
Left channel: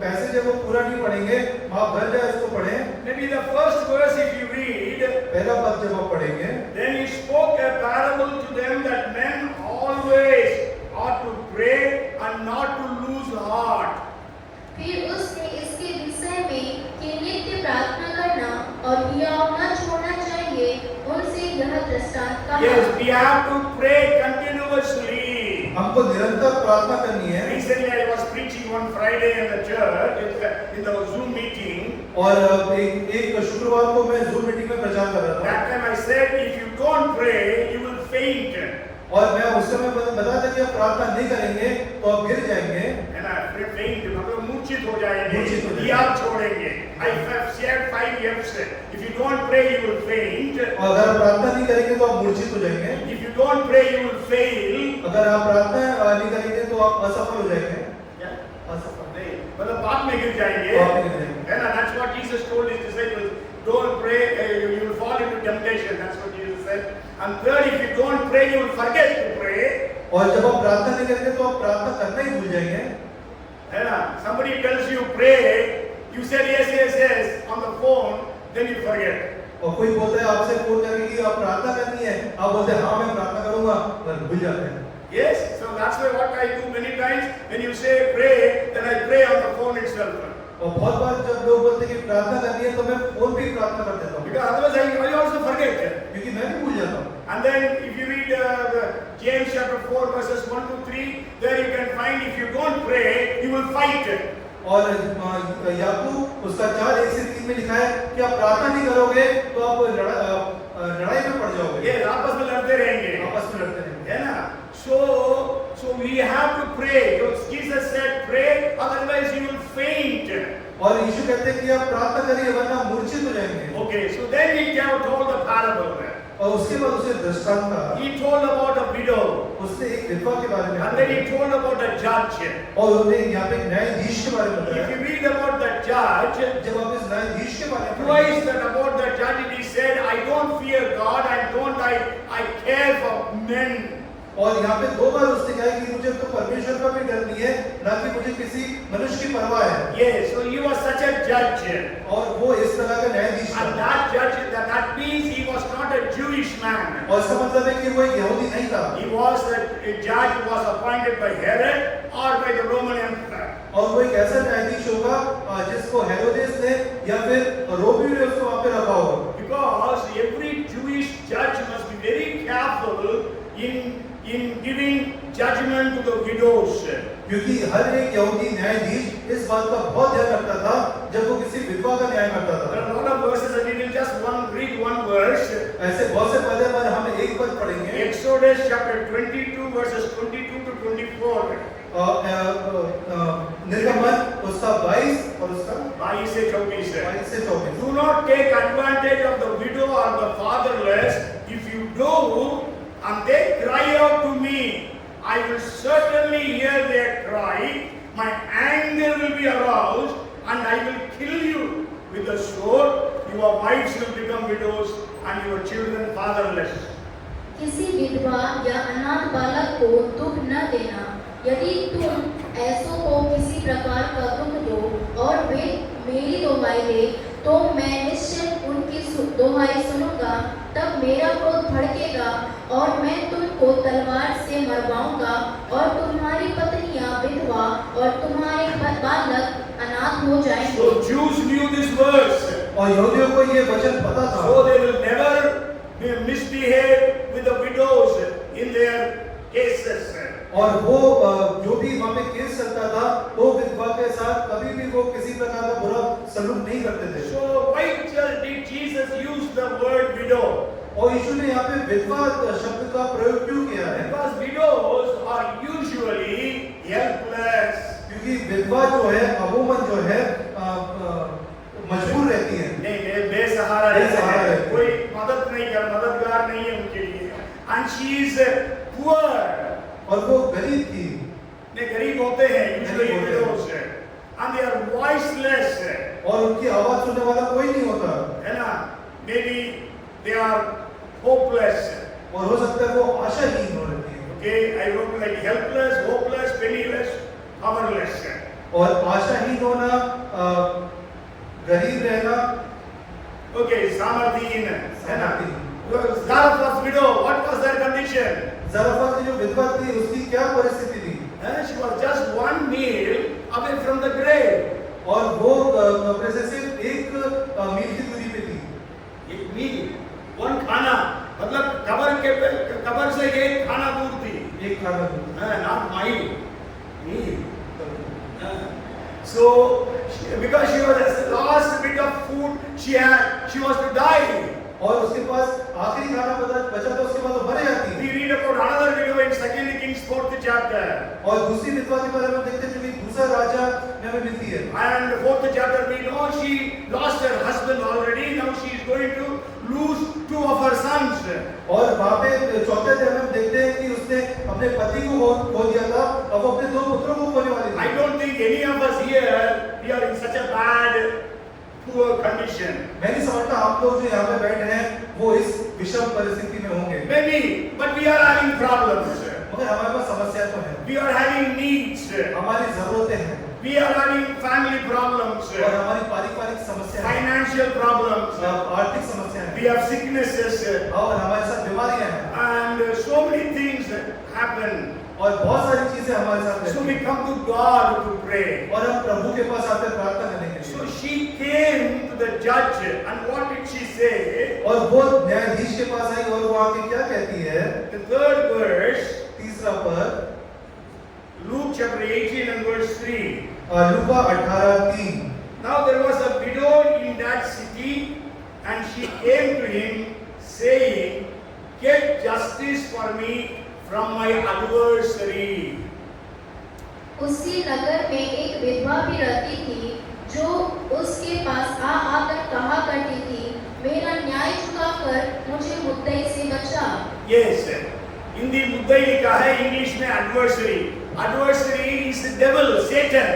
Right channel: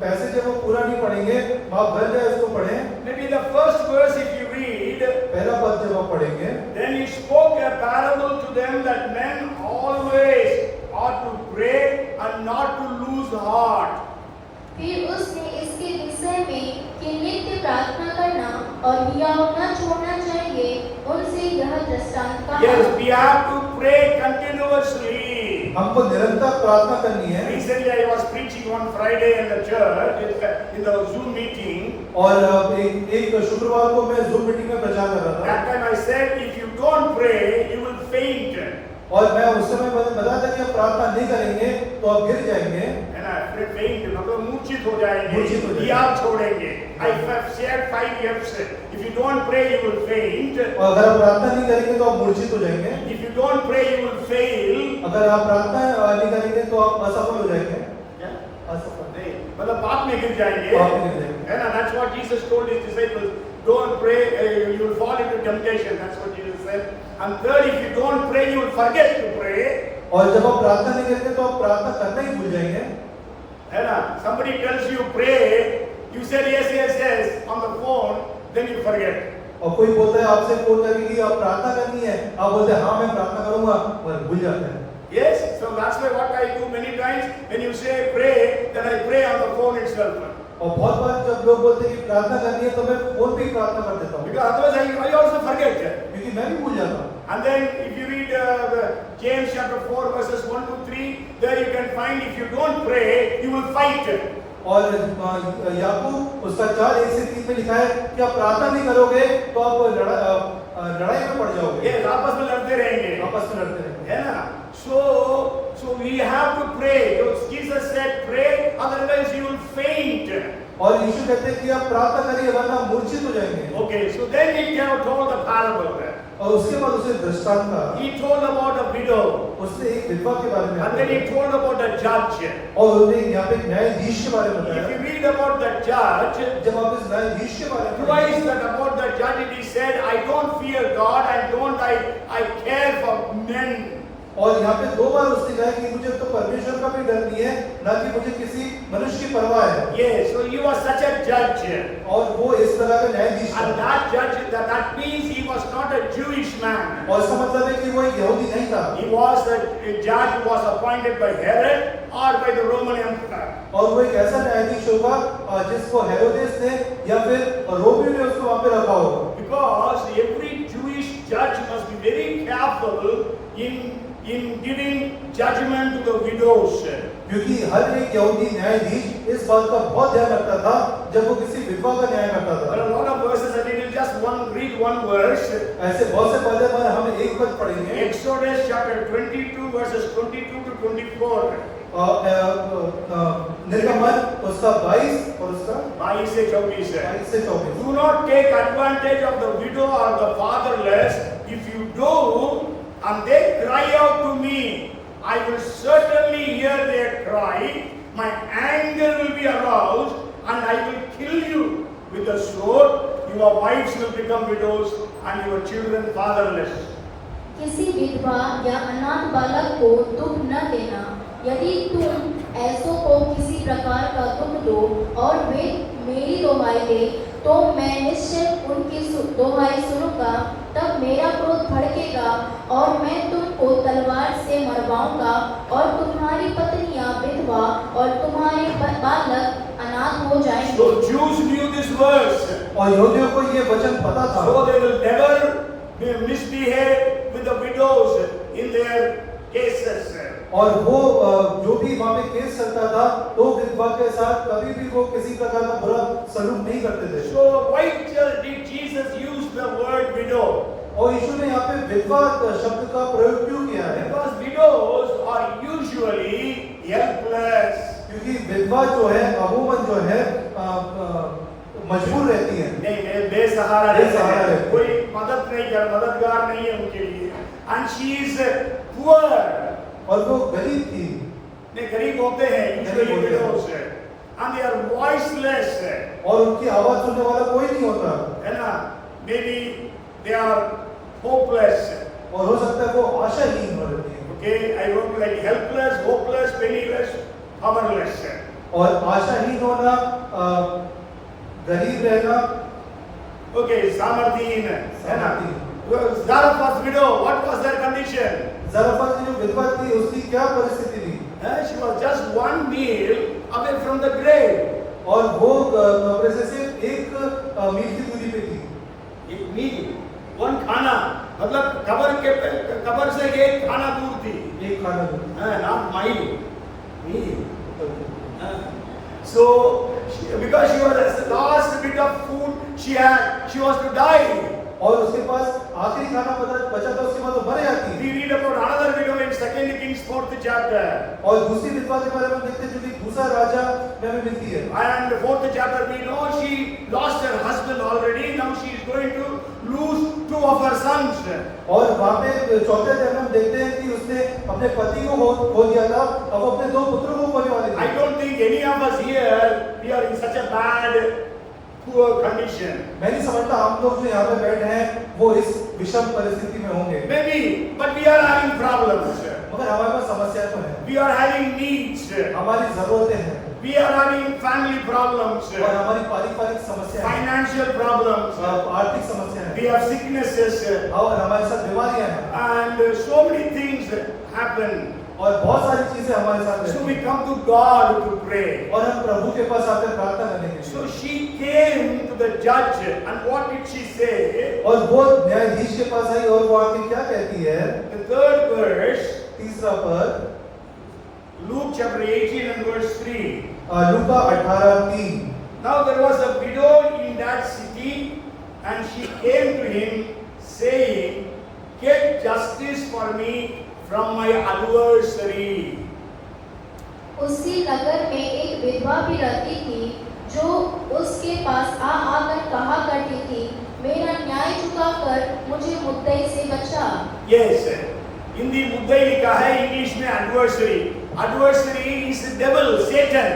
पैसेज है वो पूरा नहीं पढ़ेंगे, आप घर जाए उसको पढ़ें। Maybe the first verse if you read, पहला पद जब आप पढ़ेंगे, then he spoke a parable to them that men always ought to pray and not to lose heart. फिर उसने इसके विषय में कि नित्य प्रार्थना करना और हियाव न छोड़ना चाहिए, उनसे यह दृष्टांत कहा। Yes, we have to pray continuously. हमको निरंतर प्रार्थना करनी है। Recently I was preaching one Friday in the church in the Zoom meeting. और एक शुक्रवार को मैं Zoom मीटिंग में प्रचार कर रहा था। That time I said, if you don't pray, you will faint. और मैं उस समय बता था कि आप प्रार्थना नहीं करेंगे तो आप गिर जाएंगे। मूर्छित हो जाएंगे, मूर्छित हो जाएंगे। याद छोड़ेंगे। I have shared 5 F's. If you don't pray, you will faint. और अगर आप प्रार्थना नहीं करेंगे तो आप मूर्छित हो जाएंगे। If you don't pray, you will fail. अगर आप प्रार्थना नहीं करेंगे तो आप असफल हो जाएंगे। असफल नहीं, मतलब पाप में गिर जाएंगे। पाप में गिर जाएंगे। है ना? That's what Jesus told his disciples. Don't pray, you will fall into temptation. That's what Jesus said. And third, if you don't pray, you will forget to pray. और जब आप प्रार्थना नहीं करेंगे तो आप प्रार्थना करना ही भूल जाएंगे। है ना? Somebody tells you pray, you said yes, yes, yes on the phone, then you forget. और कोई बोलता है आपसे फोन करके कि आप प्रार्थना करनी है, आप बोलते हैं हाँ मैं प्रार्थना करूंगा, पर भूल जाते हैं। Yes, so that's why what I do many times when you say pray, then I pray on the phone itself. और बहुत बार जब लोग बोलते हैं कि प्रार्थना करनी है तो मैं फोन पे ही प्रार्थना कर देता हूँ, Because otherwise I also forget. क्योंकि मैं भी भूल जाता हूँ। And then if you read James chapter 4 verses 1 to 3, there you can find if you don't pray, you will fight. और याकूब उसका 4:1-3 में लिखा है कि आप प्रार्थना नहीं करोगे तो आप लड़ाई में पड़ जाओगे। ये आपस में लड़ते रहेंगे। आपस में लड़ते रहेंगे। है ना? So we have to pray. Jesus said pray, otherwise you will faint. और यीशु कहते हैं कि आप प्रार्थना करिए वरना मूर्छित हो जाएंगे। Okay, so then he told the parable. और उसके बाद उसे दृष्टांत कहा। He told about a widow. उसने एक विधवा के बारे में And then he told about a judge. और उसने यहाँ पे एक न्यायाधीश के बारे में If बताया। you read about the judge, जब आप इस न्यायाधीश के बारे में twice that about the judge he said, I don't fear God and I care for men. और यहाँ पे 2 बार उसने कहा कि मुझे तो परमेश्वर का भी डर नहीं है, ना कि मुझे किसी मनुष्य की परवाह है। Yes, so he was such a judge. और वो इस तरह का न्यायाधीश And था। that judge, that means he was not a Jewish man. और इसका मतलब है कि वो एक यहूदी नहीं था। He was a judge who was appointed by Herod or by the Roman Empire. और वो एक ऐसा न्यायाधीश होगा जिसको हेरोदेस ने या फिर रोमी ने उसको वहाँ पे रखा होगा। Because every Jewish judge must be very careful in giving judgment to the widows. क्योंकि हर एक यहूदी न्यायाधीश इस बात का बहुत ध्यान रखता था जब वो किसी विधवा का न्याय करता There था। are a lot of verses and we will just read one verse. ऐसे बहुत से पहले बार हम एक पद पढ़ेंगे। Exodus chapter 22 verses 22 to 24. निर्गमन उसका 22 और उसका 22 से 24 है। 22 से 24। Do not take advantage of the widow or the fatherless. If you do, and they cry out to me, I will certainly hear their cry. My anger will be aroused, and I will kill you with the sword. Your wives will become widows, and your children fatherless. किसी विधवा या अनाथ बालक को दुख न देना। यदि तुम ऐसों को किसी प्रकार का दुख दो और वे मेरी दुहाई दे, तो मैं निश्चय उनकी दुहाई सुनूंगा। तब मेरा क्रोध भड़केगा और मैं तुमको तलवार से मरवाऊंगा और तुम्हारी पत्नियां विधवा और तुम्हारे बालक अनाथ हो जाएंगे। So Jews knew this verse. और यहूदियों को ये वचन पता था। So they will never misbehave with the widows in their cases. और वो जो भी वहाँ पे केस चलता था तो विधवा के साथ कभी भी वो किसी प्रकार का बुरा सलूक नहीं करते थे। So why did Jesus use the word widow? और यीशु ने यहाँ पे विधवा शब्द का प्रयोग क्यों किया है? Because widows are usually helpless. क्योंकि विधवा जो है अमूमन जो है मजबूर रहती है। नहीं, बेसहारा बेसहारा रहती है। रहती है। कोई मददगार नहीं है उनके लिए। And she is poor. और वो गरीब थी। नहीं, गरीब होते हैं usually widows, and they are voiceless. और उनकी आवाज सुनने वाला कोई नहीं होता। है ना? Maybe they are hopeless. और हो सकता है वो आशाहीन हो रही है। Okay, I wrote like helpless, hopeless, penniless, powerless. और आशाहीन होना, गरीब रहना, Okay, सामर्थ्यहीन है ना? Zarephath's widow, what was their condition? ज़रफ़ा की जो विधवा थी उसकी क्या परिस्थिति थी? She was just one meal away from the grave. और वो कब्र से सिर्फ 1 मील की दूरी पे थी। एक मील, वन खाना, मतलब कब्र से एक खाना दूर थी। एक खाना दूर। Not mile, meal. So, because she was the last bit of food she had, she was to die. और उसके पास आखिरी खाना बचा था, उसके बाद वो मर जाती। We read about another widow in 2 Kings 4th chapter. chapter. और दूसरी विधवा के बारे में देखते हैं जो कि दूसरा राजा में हमें मिलती है। And the 4th chapter, we know she lost her husband already. Now she is going to lose 2 of her sons. और वहाँ पे चौथे अध्याय में हम देखते हैं कि उसने अपने पति को खो दिया था, अब अपने 2 पुत्रों को खोने वाली I थी। don't think any of us here, we are in such a bad, poor condition. मैं नहीं समझता हम लोग जो यहाँ पे बैठे हैं वो इस विषम परिस्थिति में होंगे। Maybe, but we are having problems. मगर हमारे पास समस्या तो है, We are having needs. हमारी जरूरतें हैं We are having family problems, और हमारी पारिवारिक समस्या है, financial problems. आर्थिक समस्या We है have sicknesses, और हमारे साथ बीमारियां हैं and so many things happen. और बहुत सारी चीजें हमारे साथ So रहती we हैं come to God to pray. और हम प्रभु के पास आते हैं प्रार्थना करने के So लिए। she came to the judge, and what did she say? और वो न्यायाधीश के पास आई और वो आके क्या कहती है? The 3rd verse, तीसरा पद, Luke chapter 18 and verse 3. Luka 18:3। Now there was a widow in that city, and she came to him, saying, "Get justice for me from my adversary." उसी नगर में एक विधवा भी रहती थी जो उसके पास आकर कहा करती थी, मेरा न्याय चुकाकर मुझे मुद्दई से बचा। Yes, हिंदी मुद्दई लिखा है, इंग्लिश में adversary. Adversary is the devil, Satan.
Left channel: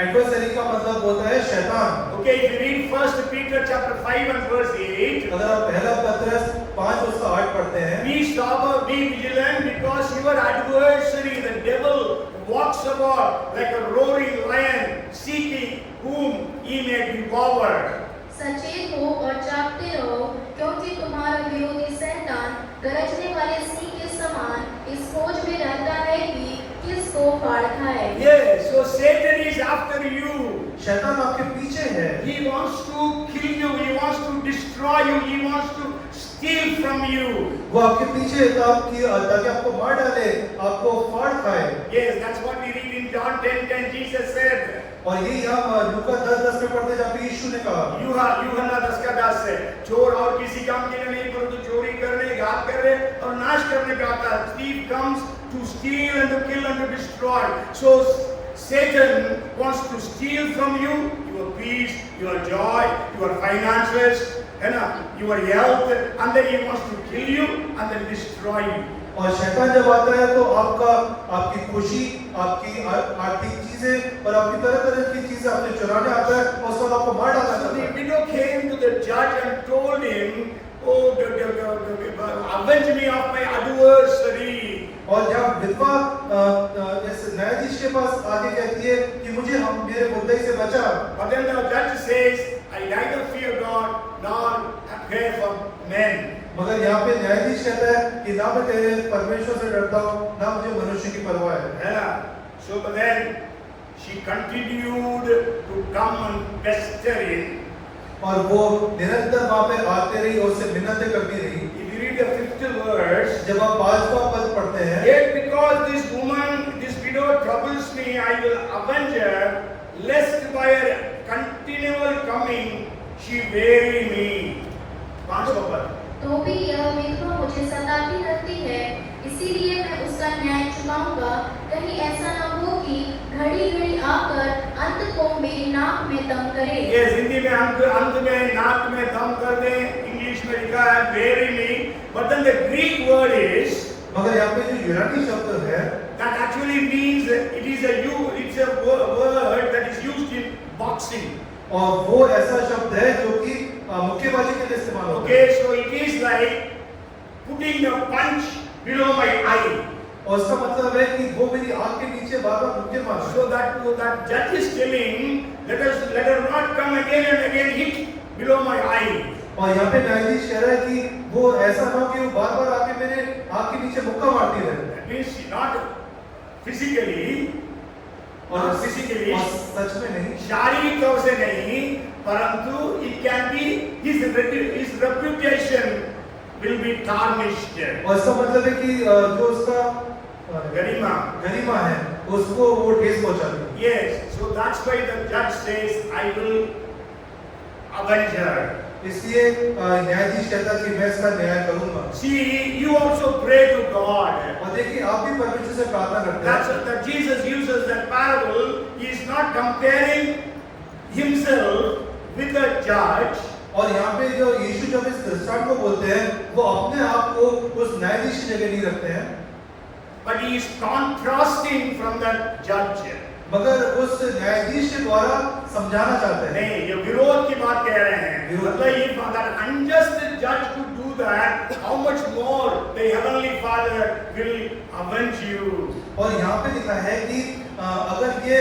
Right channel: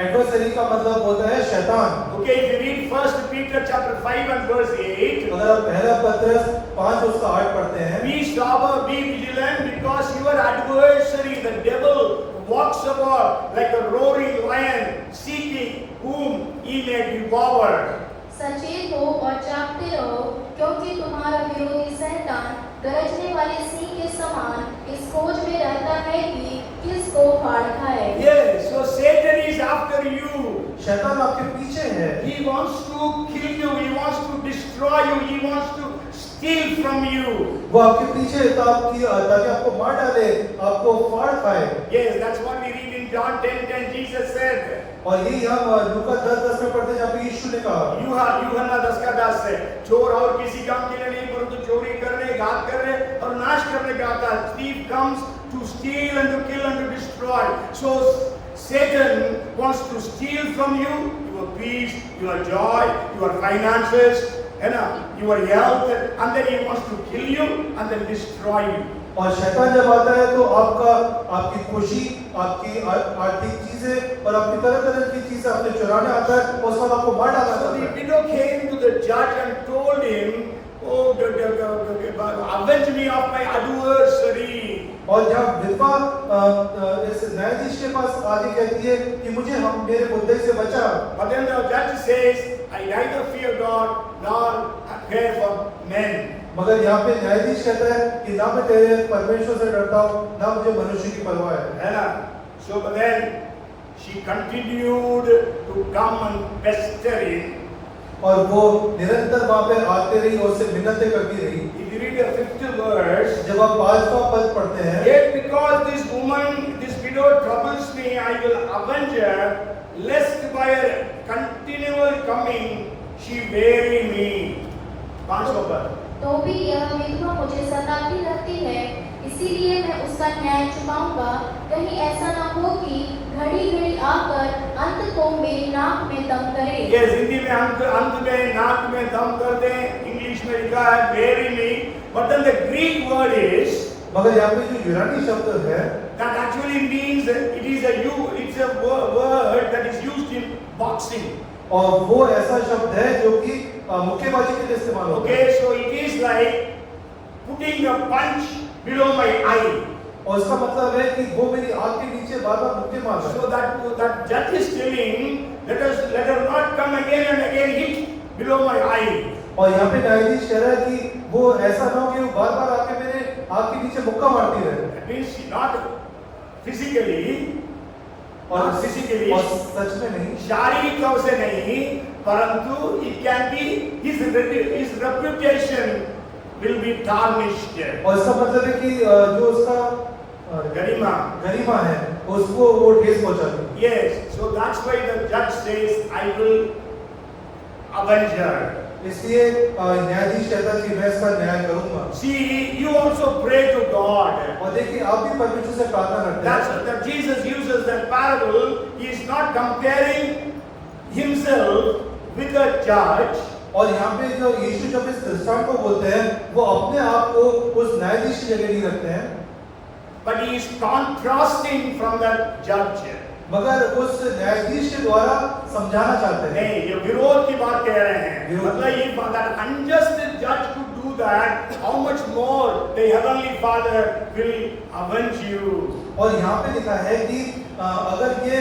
Adversary का मतलब होता है शैतान। Okay, if you read 1 Peter chapter 5 and verse 8, अगर आप पहला पत्रस 5 उसका 8 पढ़ते हैं, be sober, be vigilant, because your adversary, the devil, walks about like a roaring lion, seeking whom he may devour. सचेत हो और जागते रहो, क्योंकि तुम्हारा विरोधी शैतान गरजने वाले सिंह के समान इस खोज में रहता है कि किसको फाड़ खाए। Yes, so Satan is after you. शैतान आपके पीछे है। He wants to kill you, he wants to destroy you, he wants to steal from you. वो आपके पीछे है ताकि आपको मार डाले, आपको फाड़ खाए। Yes, that's what we read in John 10:10. Jesus said, और ये हम लूका 10:10 में पढ़ते हैं जहाँ पे यीशु ने कहा, यूहन्ना 10:10 से, चोर और किसी काम के लिए नहीं परंतु चोरी करने, घात करने और नाश करने का आता है। Thief comes to steal and to kill and to destroy. So Satan wants to steal from you your peace, your joy, your finances, your health, and then he wants to kill you and then destroy you. और शैतान जब आता है तो आपकी खुशी, आपकी आर्थिक चीजें और आपकी तरह की चीजें आपसे चुराने आता है और उसका आपको मार डालता So the है। widow came to the judge and told him, "Oh, avenge me of my adversary." और जब विधवा इस न्यायाधीश के पास आके कहती है कि मुझे मेरे मुद्दे से बचा, But then the judge says, "I neither fear God nor care for men." मगर यहाँ पे न्यायाधीश कहता है कि ना मैं तेरे परमेश्वर से डरता हूँ, ना मुझे मनुष्य की परवाह है। So but then she continued to come and pester him. और वो निरंतर वहाँ पे आते रही और उससे मिन्नतें करती रही। If you read the 5th verse, जब आप 5वां पद पढ़ते हैं, yet because this woman, this widow troubles me, I will avenge her, lest by her continual coming she weary me. 5वां पद। तो भी यह विधवा मुझे सताती रहती है, इसीलिए मैं उसका न्याय चुकाऊंगा। कहीं ऐसा न हो कि घड़ी घड़ी आकर अंत को मेरी नाक में दम करे। ये हिंदी में अंत में नाक में दम कर दे, इंग्लिश में लिखा है bury me, but then the Greek word is, मगर यहाँ पे जो यूनानी शब्द है, that actually means it's a word that is used in boxing. और वो ऐसा शब्द है जो कि मुक्केबाजी के लिए इस्तेमाल होता है। Okay, so it is like putting a punch below my eye. और इसका मतलब है कि वो मेरी आंख के नीचे बार-बार मुक्के मार रहा है। So that judge is telling, let her not come again and again hit below my eye. और यहाँ पे न्यायाधीश कह रहा है कि वो ऐसा ना हो कि वो बार-बार आके मेरे आंख के नीचे मुक्का मारती रहे। That means not physically, और सच में नहीं, शारीरिक तौर से नहीं, परंतु it can be his reputation will be tarnished. और इसका मतलब है कि जो उसका गरिमा है उसको वो ठेस पहुंचाती है। Yes, so that's why the judge says, I will avenge her. इसलिए न्यायाधीश कहता कि मैं इसका न्याय करूंगा। See, you also pray to God. और देखिए आप भी परमेश्वर से प्रार्थना करते That's हैं। that Jesus uses that parable. He is not comparing himself with a judge. और यहाँ पे जो यीशु जब इस दृष्टांत को बोलते हैं वो अपने आप को उस न्यायाधीश की जगह नहीं रखते हैं, But he is contrasting from that judge. मगर उस न्यायाधीश के द्वारा समझाना चाहते हैं। नहीं, ये विरोध की बात कह रहे हैं। विरोध। मतलब ये that unjust judge could do that, how much more the heavenly Father will avenge you. और यहाँ पे लिखा है कि अगर ये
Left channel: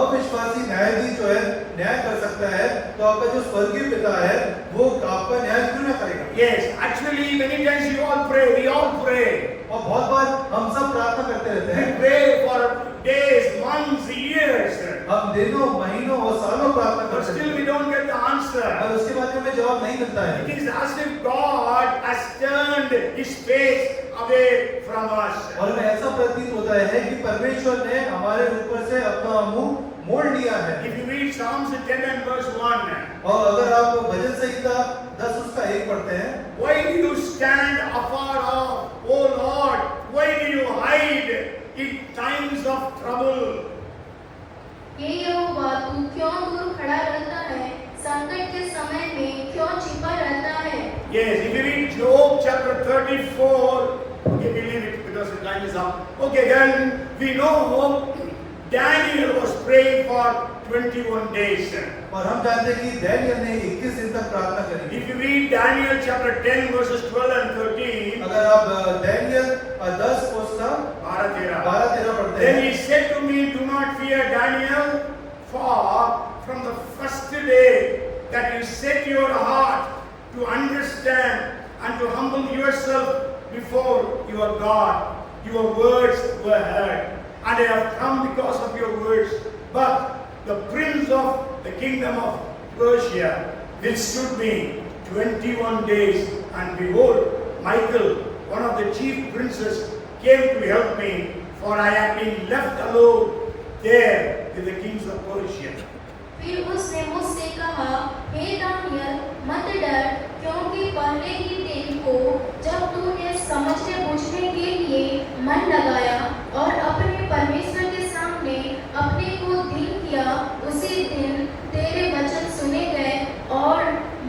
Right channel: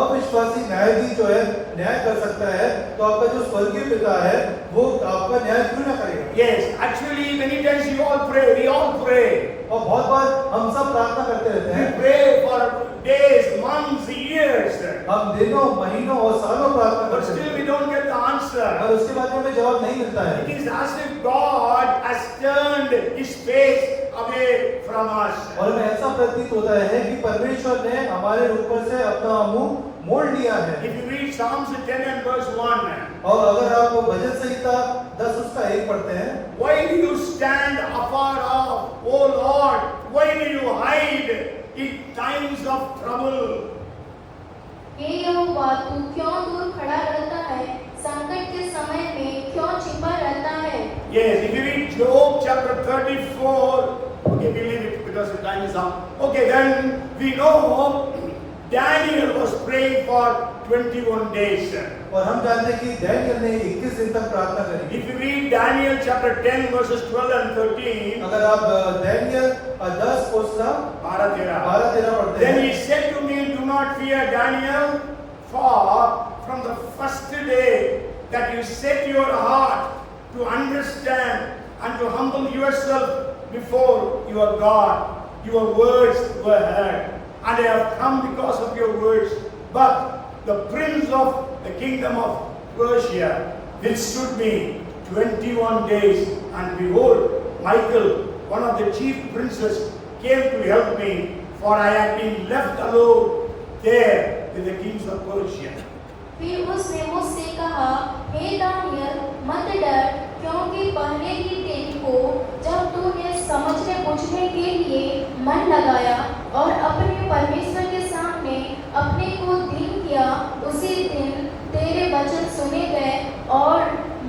अविश्वासी न्यायाधीश जो है न्याय कर सकता है तो आपका जो स्वर्गीय पिता है वो आपका न्याय क्यों ना करेगा। Yes, actually many times you all pray, we all pray. और बहुत बार हम सब प्रार्थना करते रहते We हैं, pray for days, months, years. हम दिनों महीनों और सालों प्रार्थना But करते still हैं we don't get the answer. और उसके बाद हमें जवाब नहीं मिलता It है। is as if God has turned His face away from us. और हमें ऐसा प्रतीत होता है कि परमेश्वर ने हमारे ऊपर से अपना मुंह मोड़ लिया है। If you read Psalms 10 and verse 1, और अगर आप भजन संहिता 10 उसका 1 पढ़ते हैं, why do you stand afar off, O Lord? Why do you hide in times of trouble? हे यहोवा, तू क्यों दूर खड़ा रहता है? संकट के समय में क्यों छिपा रहता है? Yes, if you read Job chapter 34, okay, we leave it because the time is up. Okay, then we know Daniel was praying for 21 days. और हम जानते हैं कि डैनियल ने 21 दिन तक प्रार्थना करी। If you read Daniel chapter 10 verses 12 and 13, अगर आप डैनियल 10 उसका 12-13 पढ़ते then हैं, he said to me, do not fear Daniel, for from the first day that you set your heart to understand and to humble yourself before your God, your words were heard. And I have come because of your words. But the prince of the kingdom of Persia withstood me 21 days. And behold, Michael, one of the chief princes, came to help me, for I had been left alone there with the kings of Persia. फिर उसने मुझसे कहा, हे Daniel, मत डर, क्योंकि पहले ही तेरे को जब तूने समझने बूझने के लिए मन लगाया और अपने परमेश्वर के सामने अपने को दीन किया, उसी दिन तेरे वचन सुने गए और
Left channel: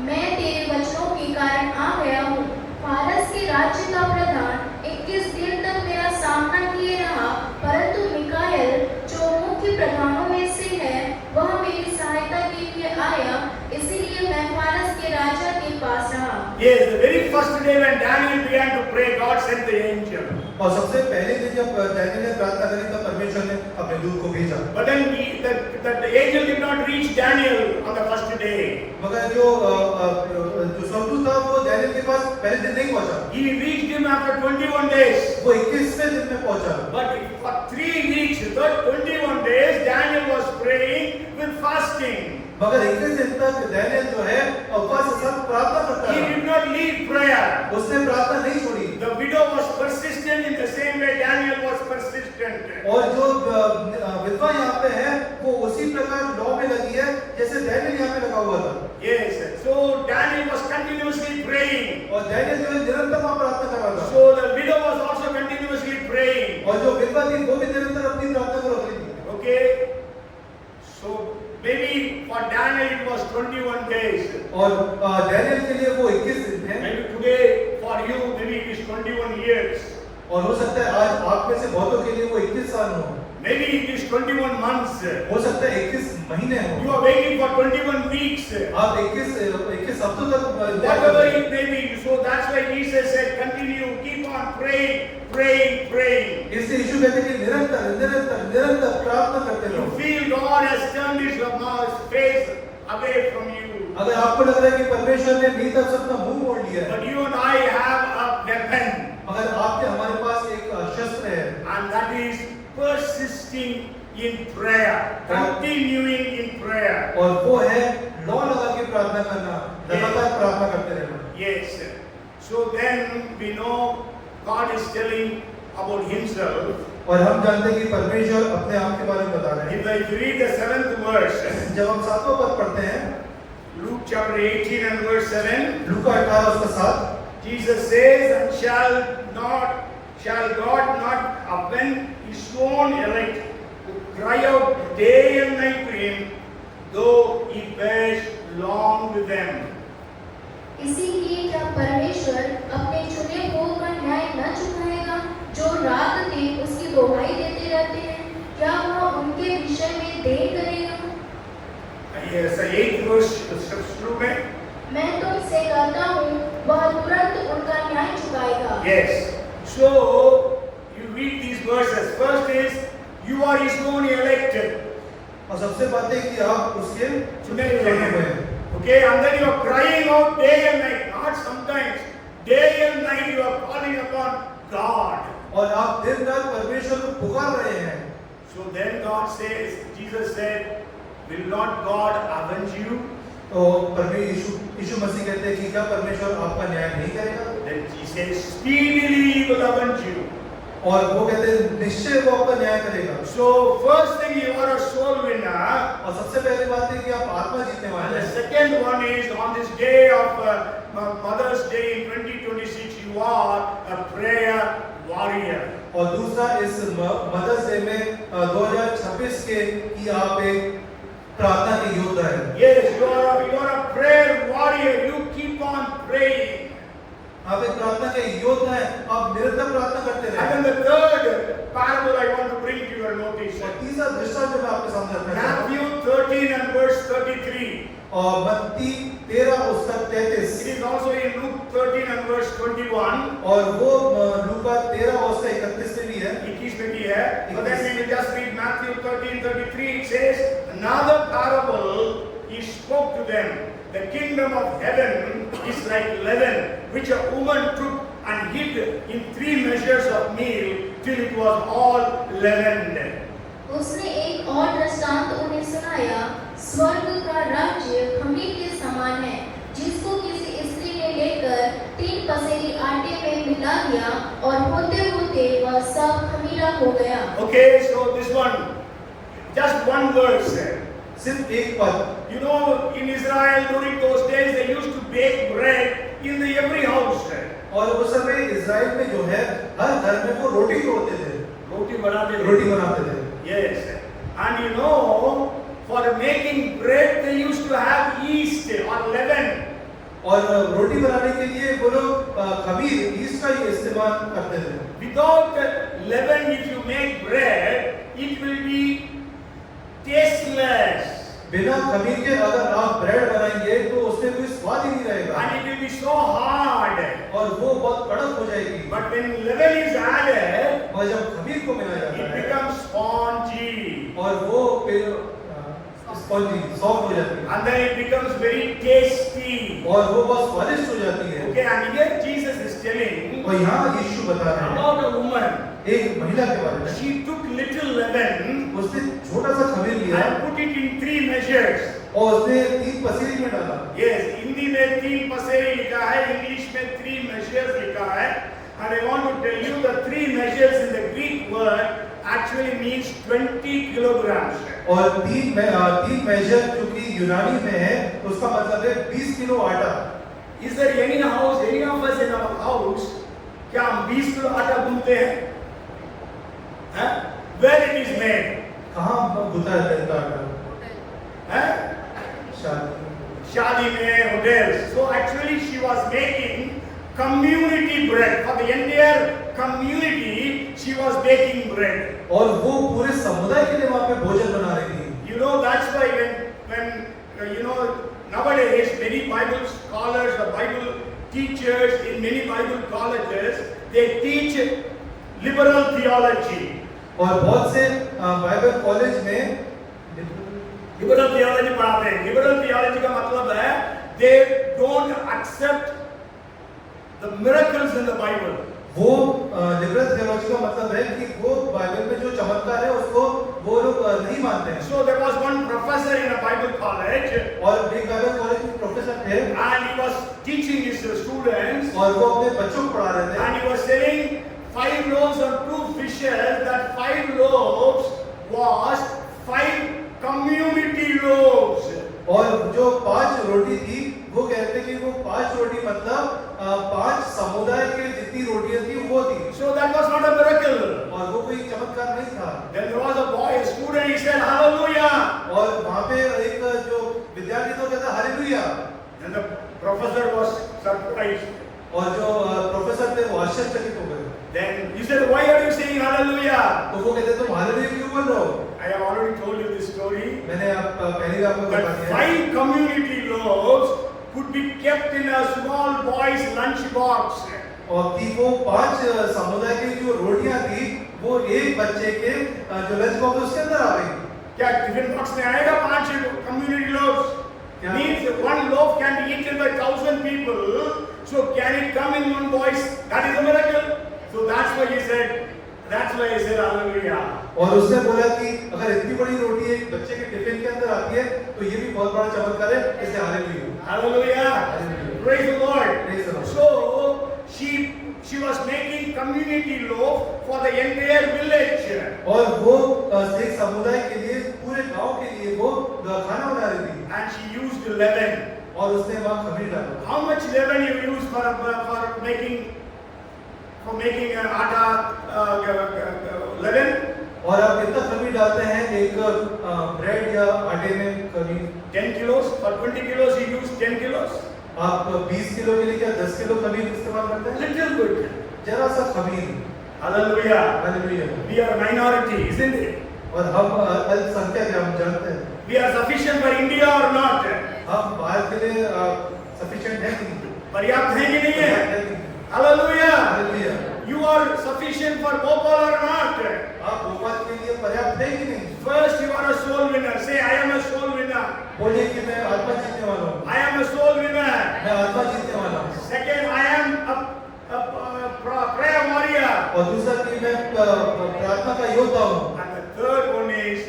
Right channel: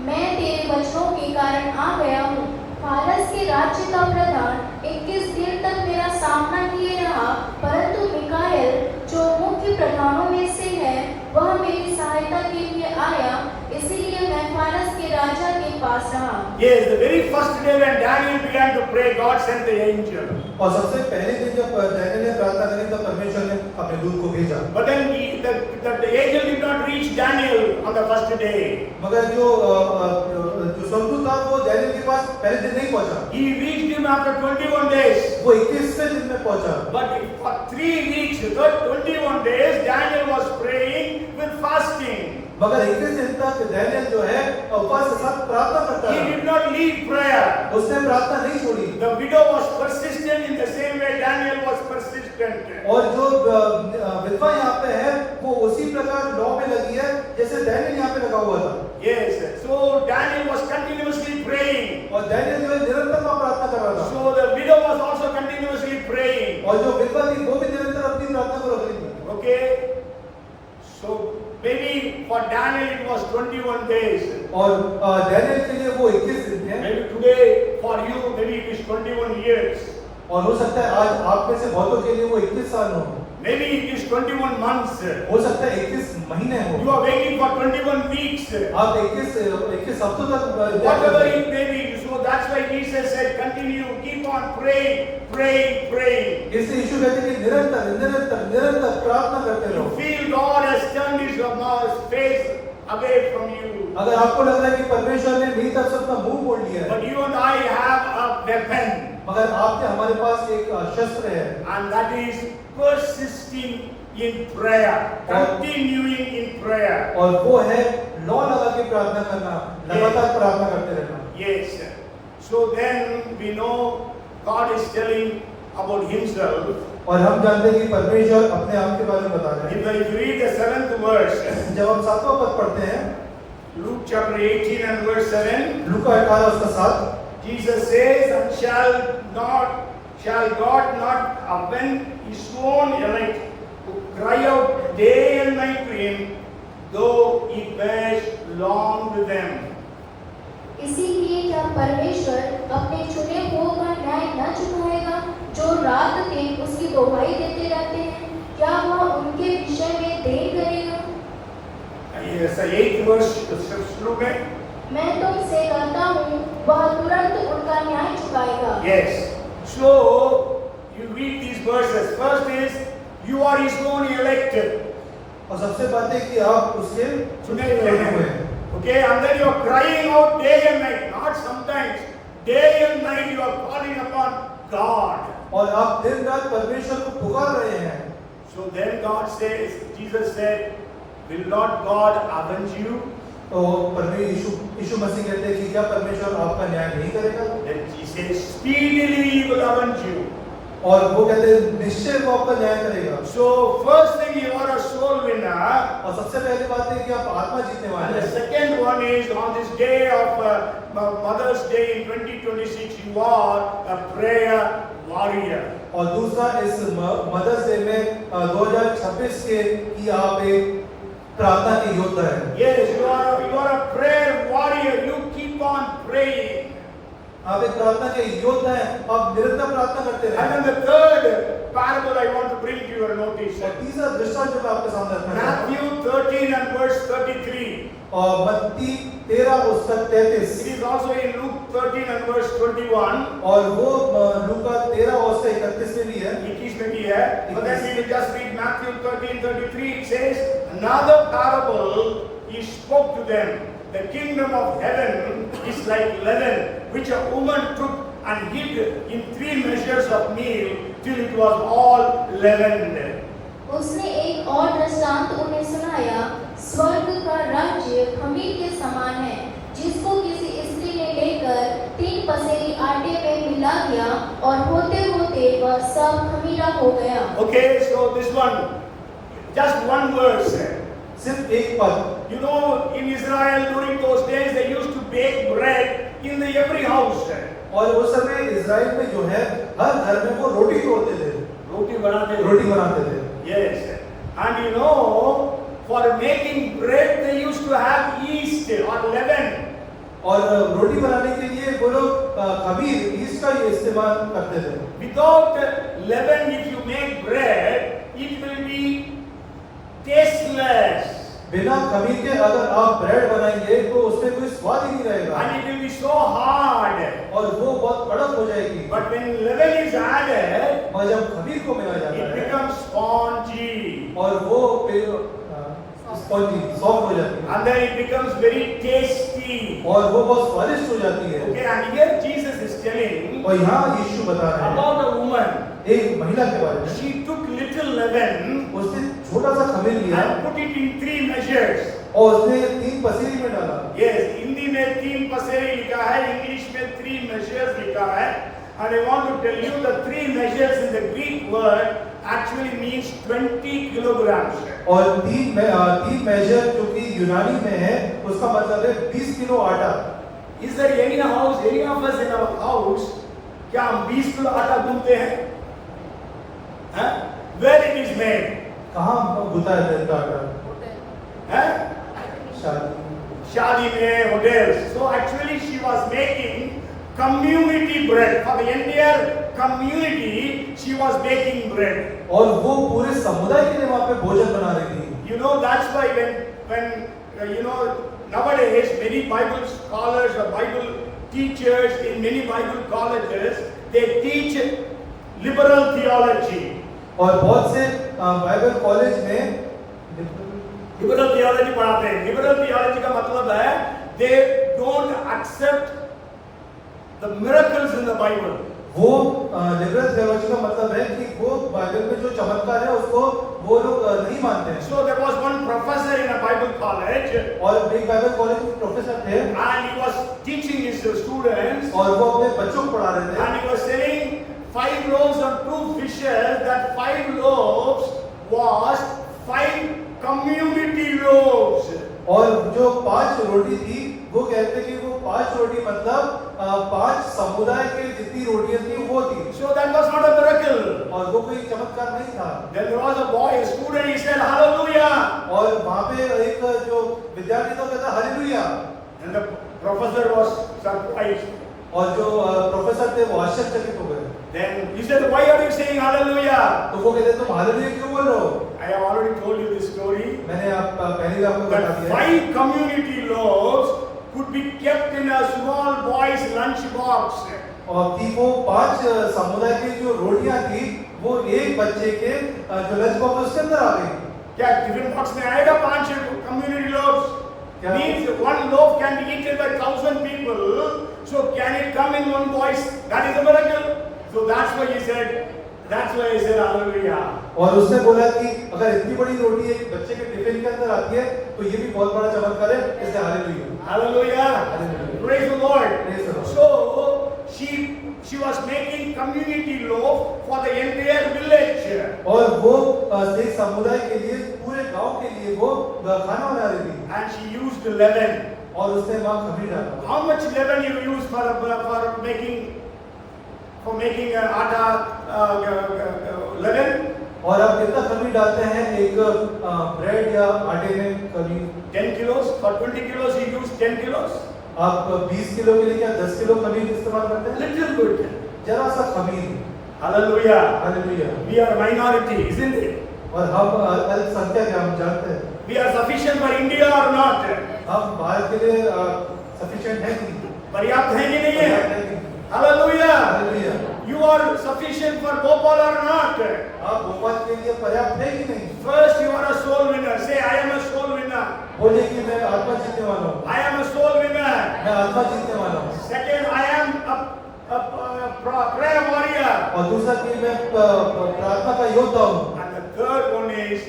मैं तेरे वचनों के कारण आ गया हूँ। फारस के राज्य का प्रधान 21 दिन तक मेरा सामना किए रहा, परंतु मिकाएल जो मुख्य प्रधानों में से है वह मेरी सहायता के लिए आया, इसीलिए मैं फारस के राजा के पास रहा। Yes, the very first day when Daniel began to pray, God sent the angel. और सबसे पहले दिन जब डैनियल ने प्रार्थना करी तब परमेश्वर ने अपने दूत को भेजा। But then the angel did not reach Daniel on the first day. मगर जो स्वर्गदूत था वो डैनियल के पास पहले दिन नहीं पहुंचा, He reached him after 21 days. वो 21वें दिन में पहुंचा। But for 3 weeks, the 21 days, Daniel was praying with fasting. मगर 21 दिन तक डैनियल जो है उपवास के साथ प्रार्थना करता He है, did not leave prayer. उसने प्रार्थना नहीं छोड़ी। The widow was persistent in the same way Daniel was persistent. और जो विधवा यहाँ पे है वो उसी प्रकार लॉ में लगी है जैसे डैनियल यहाँ पे लगा हुआ था। Yes, so Daniel was continuously praying. और डैनियल जो है निरंतर वहाँ प्रार्थना कर रहा था। So the widow was also continuously praying. और जो विधवा थी वो भी निरंतर अपनी प्रार्थना को रख रही थी। Okay, so maybe for Daniel it was 21 days. और डैनियल के लिए वो 21 दिन है। Maybe today for you, maybe it is 21 years. और हो सकता है आज आप में से बहुतों के लिए वो 21 साल हो, Maybe it is 21 months. हो सकता है 21 महीने हो, You are waiting for 21 weeks. आप 21 हफ्तों तक Whatever it may be. So that's why Jesus said, continue, keep on praying, praying, praying. इसलिए यीशु कहते हैं कि निरंतर प्रार्थना करते You रहो। feel God has turned His face away from you. अगर आपको लग रहा है कि परमेश्वर ने मेरी तरफ से अपना मुंह मोड़ लिया है, But you and I have a weapon. मगर आपके हमारे पास एक शस्त्र है And that is persisting in prayer, continuing in prayer. और वो है लौ लगा के प्रार्थना करना, लगातार प्रार्थना करते रहना। Yes. So then we know God is telling about Himself. और हम जानते हैं कि परमेश्वर अपने आप के बारे में बता रहे हैं। If you read the 7th verse, जब हम 7वां पद पढ़ते हैं, Luke chapter 18 and verse 7. लूका 18 उसका 7, Jesus says, and shall God not avenge his own elect who cry out day and night to him, though he bears long with them. इसीलिए क्या परमेश्वर अपने चुने हुओं का न्याय न चुकाएगा जो रात दिन उसकी दोहाई देते रहते हैं? क्या वह उनके विषय में देर करेगा? Yes, the 8th verse शुरू में. मैं तुमसे कहता हूँ वह तुरंत उनका न्याय चुकाएगा। Yes. So you read these verses. First is you are his own elected. और सबसे बात है कि आप उसके चुने चुने हुए हुए हैं. हैं। Okay, and then you are crying out day and night. Not sometimes. Day and night you are calling upon God. और आप दिन रात परमेश्वर को पुकार रहे हैं। So then God says, Jesus said, will not God avenge you? तो यीशु मसीह कहते हैं कि क्या परमेश्वर आपका न्याय नहीं करेगा? Then he says, speedily he will avenge you. और वो कहते हैं निश्चय वो आपका न्याय करेगा। So first thing you are a soul winner. और सबसे पहली बात है कि आप आत्मा जीतने And वाले the हैं। second one is on this day of Mother's Day in 2026, you are a prayer warrior. और दूसरा इस मदर्स डे में 2026 के कि आप एक प्रार्थना के योद्धा हैं। Yes, you are a prayer warrior. You keep on praying. आप एक प्रार्थना के योद्धा हैं, आप निरंतर प्रार्थना करते And रहें। then the third parable I want to bring to your notice. और तीसरा दृष्टांत जो मैं आपके सामने रखना चाहता हूं, Matthew 13 and verse 33. और मत्ती 13 उसका 33 It is also in Luke 13 and verse 21. और वो लूका 13 उसका 31 में भी है। 21 में भी है. But then we will just read Matthew 13:33. It says, another parable he spoke to them. The kingdom of heaven is like leaven, which a woman took and hid in 3 measures of meal till it was all leavened. उसने एक और दृष्टांत उन्हें सुनाया, स्वर्ग का राज्य खमीर के समान है जिसको किसी स्त्री ने लेकर 3 पसेरी आटे में मिला दिया और होते होते वह सब खमीरा हो गया। Okay, so this one, just one verse. सिर्फ एक पद। You know, in Israel during those days they used to bake bread in every house. और उस समय इज़राइल में जो है हर घर में वो रोटी तोड़ते थे, रोटी बनाते थे। रोटी बनाते थे। Yes, and you know, for making bread they used to have yeast or leaven. और रोटी बनाने के लिए वो लोग खमीर ईस्ट का ही इस्तेमाल करते थे। Without leaven, if you make bread, it will be tasteless. बिना खमीर के अगर आप ब्रेड बनाएंगे तो उसमें कोई स्वाद ही नहीं रहेगा And it will be so hard. और वो बहुत कड़क हो जाएगी। But when leaven is added, और जब खमीर को मिलाया it जाता है becomes spongy. और वो फिर स्पंजी सॉफ्ट हो जाती है And then it becomes very tasty. और वो बहुत स्वादिष्ट हो जाती है। Okay, and here Jesus is telling और यहाँ यीशु बता रहे हैं about a woman. एक महिला के बारे में। She took little leaven उसने छोटा सा खमीर लिया and put it in 3 measures. और उसने 3 पसेरी में डाला। Yes, हिंदी में 3 पसेरी लिखा है, इंग्लिश में 3 measures लिखा है. And I want to tell you the 3 measures in the Greek word actually means 20 kilograms. और 3 मेजर जो कि यूनानी में है उसका मतलब है 20 किलो आटा। Is there any house, any of us in our house, क्या हम 20 किलो आटा गूंथते हैं? हाँ? Where it is made? कहाँ गुथा है इनका आटा? हाँ? शादी शादी में, hotels. So actually she was making community bread for the entire community. She was baking bread. और वो पूरे समुदाय के लिए वहाँ पे भोजन बना रही थी। You know, that's why when you know, nowadays many Bible scholars or Bible teachers in many Bible colleges, they teach liberal theology. और बहुत से बाइबल कॉलेज में लिबरल थियोलॉजी पढ़ाते हैं। लिबरल थियोलॉजी का मतलब है they don't accept the miracles in the Bible. वो लिबरल थियोलॉजी का मतलब है कि वो बाइबल में जो चमत्कार है उसको वो लोग नहीं मानते हैं। So there was one professor in a Bible college और एक बाइबल कॉलेज में प्रोफेसर थे and he was teaching his students और वो अपने बच्चों को पढ़ा रहे थे and he was saying 5 loaves and 2 fishes, that 5 loaves was 5 community loaves. और जो 5 रोटी रोटी थी, वो कहते कि वो 5 रोटी मतलब 5 समुदाय के जितनी रोटियां थी वो थी। So that was not a miracle. और वो कोई चमत्कार नहीं था। Then there was a boy, a student, he said, Hallelujah. और वहाँ पे एक जो विद्यार्थी था कहता hallelujah. And the professor was surprised. और जो प्रोफेसर थे वो आश्चर्यचकित हो गए। Then he said, why are you saying Hallelujah? तो वो कहते तुम हालेलुया क्यों बोल रहे हो? I have already told you this story. मैंने आप पहले ही आपको बता That दिया। 5 community loaves could be kept in a small boy's lunch box. और कि वो 5 समुदाय की जो रोटियां थी वो एक बच्चे के जो लंच बॉक्स उसके अंदर आ गई। क्या टिफिन बॉक्स में आएगा 5 community loaves? क्या? Means one loaf can be eaten by 1,000 people. So can it come in one voice? That is a miracle. So that's why he said Hallelujah. और उसने बोला कि अगर इतनी बड़ी रोटी एक बच्चे के टिफिन के अंदर आती है तो ये भी बहुत बड़ा चमत्कार है, इसलिए hallelujah. Hallelujah. Hallelujah. Praise the Lord. Praise the Lord. So she was making community loaf for the entire village. और वो एक समुदाय के लिए पूरे गांव के लिए वो खाना बना रही थी। And she used leaven. और उसने वहाँ खमीर डाला। How much leaven you use for making atta leaven? और आप कितना खमीर डालते हैं एक ब्रेड या आटे में करीब 10 kilos. For 20 kilos you use 10 kilos. आप 20 किलो के लिए क्या 10 किलो खमीर इस्तेमाल करते हैं? Little bit. जरा सा खमीर। Hallelujah. Hallelujah. We are a minority, isn't it? और हम अल्पसंख्यक हैं, हम जानते हैं। We are sufficient for India or not? हम भारत के लिए सफिशिएंट हैं कि नहीं? पर्याप्त है कि नहीं है? पर्याप्त है कि नहीं? Hallelujah. Hallelujah. You are sufficient for Bhopal or not? आप भोपाल के लिए पर्याप्त है कि नहीं? First you are a soul winner. Say I am a soul winner. बोलिए कि मैं आत्मा जीतने वाला हूँ। I am a soul winner. मैं आत्मा जीतने वाला हूँ। Second, I am a prayer warrior. और दूसरा कि मैं प्रार्थना का योद्धा हूँ। And the third one is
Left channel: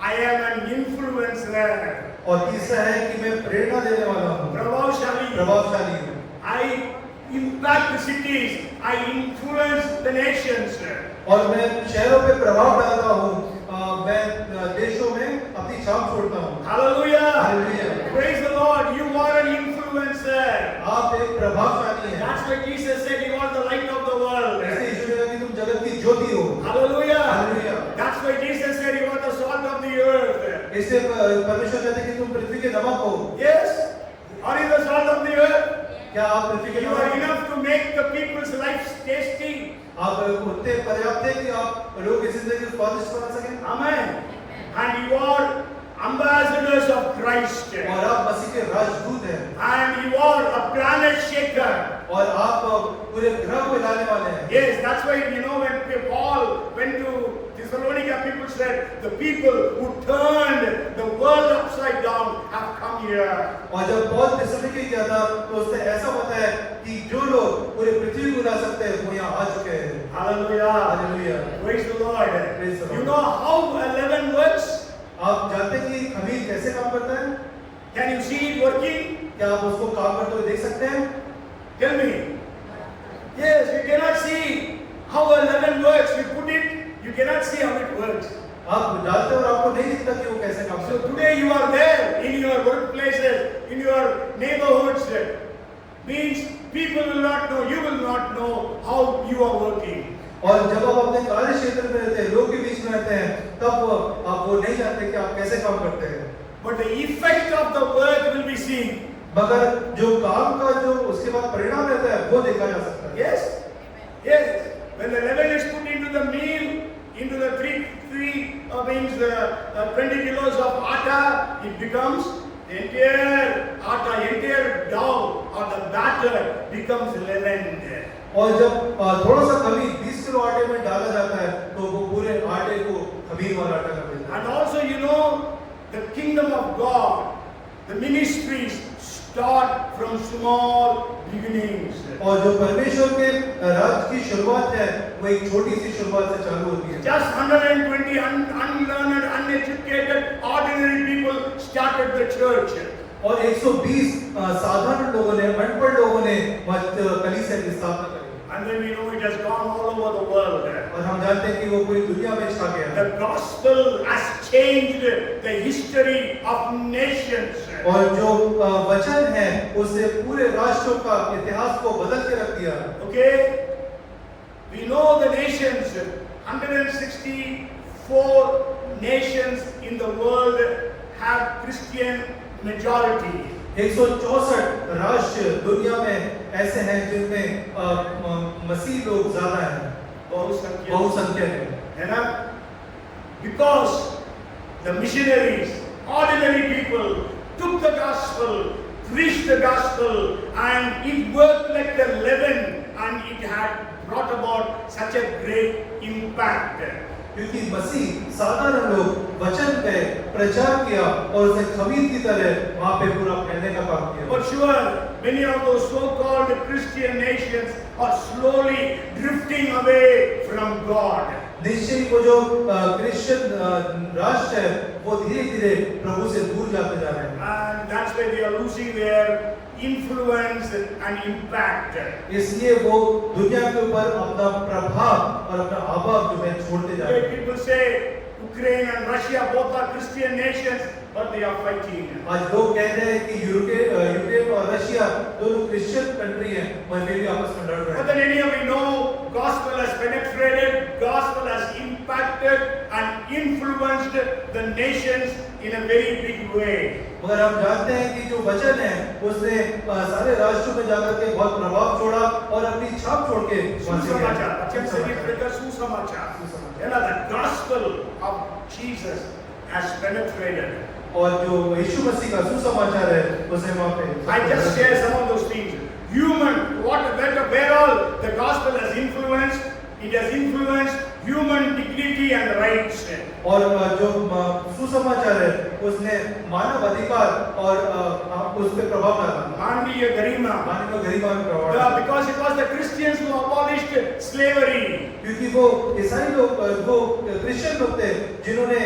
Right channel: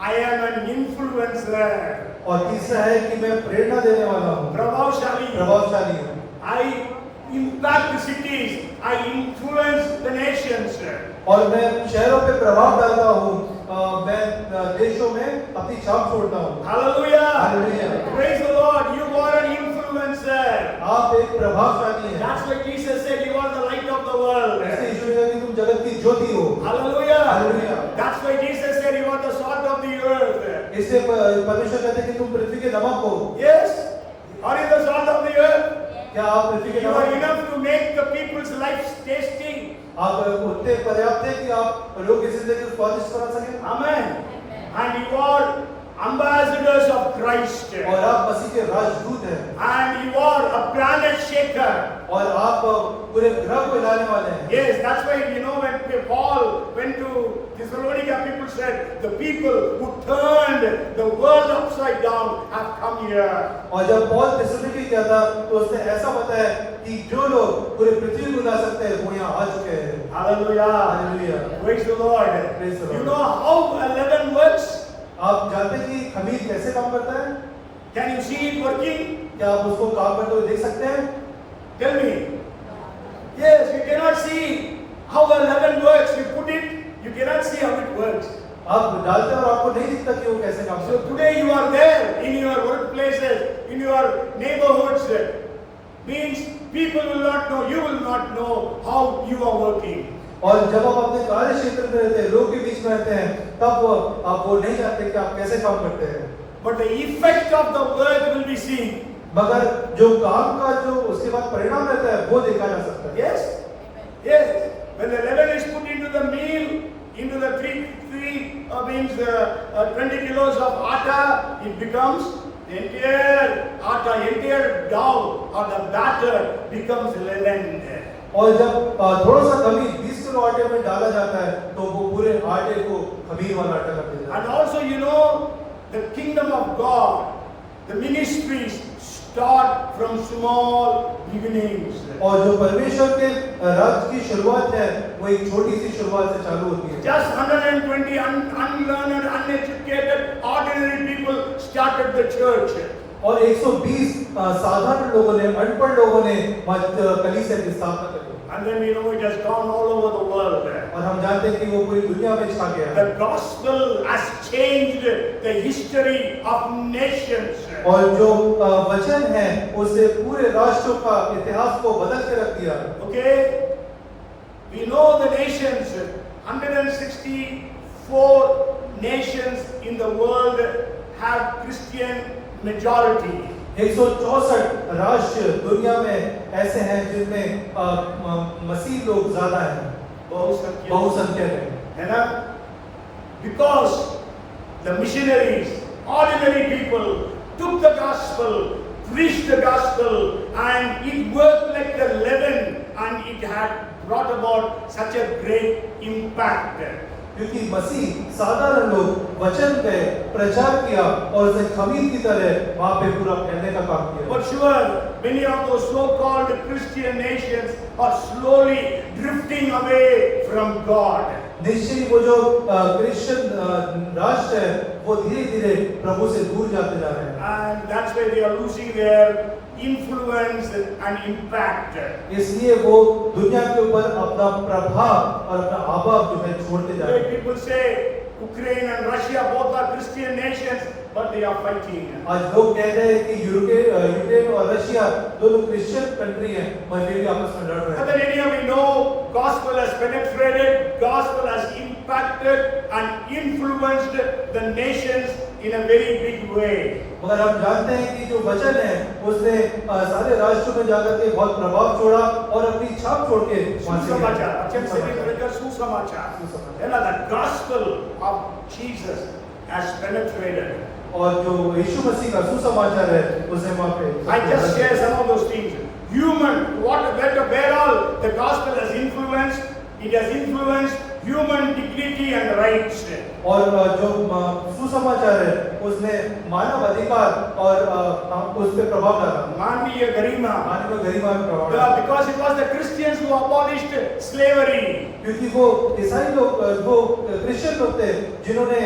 I am an influencer. और तीसरा है कि मैं प्रेरणा देने वाला हूँ। प्रभावशाली. प्रभावशाली हूँ। I impact the cities. I influence the nations. और मैं शहरों पे प्रभाव डालता हूँ। मैं देशों में अपनी छाप छोड़ता हूँ। Hallelujah. Hallelujah. Praise the Lord. You are an influencer. आप एक प्रभावशाली हैं। That's why Jesus said you are the light of the world. ऐसे यीशु ने कहा कि तुम जगत की ज्योति हो। Hallelujah. Hallelujah. That's why Jesus said you are the salt of the earth. इससे परमेश्वर कहते हैं कि तुम पृथ्वी के नमक हो। Yes. Are you the salt of the earth? क्या आप पृथ्वी के You are नमक? enough to make the people's lives tasty. आप उतने पर्याप्त हैं कि आप लोगों की जिंदगी को स्वादिष्ट बना सकें। Amen. And you are ambassadors of Christ. और आप मसीह के राजदूत हैं। And you are a planet shaker. और आप पूरे ग्रह को हिलाने वाले हैं। Yes, that's why when Paul went to Thessalonica, people said the people who turned the world upside down have come here. और जब पौल थिस्सलुनीके गया था तो उसने ऐसा बताया कि जो लोग पूरे पृथ्वी को हिला सकते हैं वो यहाँ आ चुके हैं। Hallelujah. Hallelujah. Praise the Lord. Praise the Lord. You know how leaven works? आप जानते हैं कि खमीर कैसे काम करता है? Can you see it working? क्या आप उसको काम करते हुए देख सकते हैं? Tell me. Yes, you cannot see how a leaven works. You put it, you cannot see how it works. आप डालते हो और आपको नहीं दिखता कि वो कैसे काम So करता है। today you are there in your workplaces, in your neighborhoods. Means people will not know, you will not know how you are working. और जब आप अपने कार्य क्षेत्र में रहते हैं, लोग के बीच में रहते हैं, तब आप वो नहीं जानते कि आप कैसे काम करते हैं। But the effect of the work will be seen. मगर जो काम का जो उसके बाद परिणाम रहता है वो देखा जा सकता है। Yes, yes. When the leaven is put into the meal, into the 20 kilos of atta, it becomes the entire dough or the batter becomes leavened. और जब थोड़ा सा खमीर 20 किलो आटे में डाला जाता है तो वो पूरे आटे को खमीर वाला आटा कर देता है। And also, you know, the kingdom of God, the ministries start from small beginnings. और जो परमेश्वर के राज्य की शुरुआत है वो एक छोटी सी शुरुआत से चालू होती है। Just 120 unlearned, uneducated, ordinary people started the church. और 120 साधारण लोगों ने, अनपढ़ लोगों ने कलीसिया की स्थापना करी। And then we know it has gone all over the world. और हम जानते हैं कि वो पूरी दुनिया में छा गया। The gospel has changed the history of nations. और जो वचन है उसने पूरे राष्ट्रों का इतिहास को बदल के रख दिया। Okay, we know the nations. 164 nations in the world have Christian majority. 164 राष्ट्र दुनिया में ऐसे हैं जिनमें मसीह लोग ज्यादा हैं, बहुसंख्यक हैं, है ना? Because the missionaries, ordinary people, took the gospel, preached the gospel, and it worked like a leaven, and it had brought about such a great impact. क्योंकि मसीह साधारण लोग वचन पे प्रचार किया और उसे खमीर की तरह वहां पे पूरा फैलने का काम किया। But sure, many of those so-called Christian nations are slowly drifting away from God. निश्चय वो जो क्रिश्चियन राष्ट्र है वो धीरे-धीरे प्रभु से दूर जाते जा रहे हैं। And that's why they are losing their influence and impact. इसलिए वो दुनिया के ऊपर अपना प्रभाव और अपना आभाव जो है छोड़ते जा रहे हैं। People say Ukraine and Russia both are Christian nations, but they are fighting. आज लोग कहते हैं कि यूक्रेन और रशिया दोनों क्रिश्चियन कंट्री हैं, मगर वे भी आपस में लड़ रहे But हैं। then anyhow, we know gospel has penetrated, gospel has impacted and influenced the nations in a very big way. मगर हम जानते हैं कि जो वचन है उसने सारे राष्ट्रों में जाकर के बहुत प्रभाव छोड़ा और अपनी छाप छोड़ के वहां से गया। सुसमाचार, अच्छा से भी करेगा सुसमाचार। है ना? The gospel of Jesus has penetrated. और जो यीशु मसीह का सुसमाचार है उसे वहां पे I just share some of those things. Where all the gospel has influenced, it has influenced human dignity and rights. और जो सुसमाचार है उसने मानव अधिकार और उस पे प्रभाव डाला, मानवीय गरिमा, मानव गरिमा में प्रभाव डाला। because it was the Christians who abolished slavery. क्योंकि वो ईसाई लोग, वो क्रिश्चियन लोग थे जिन्होंने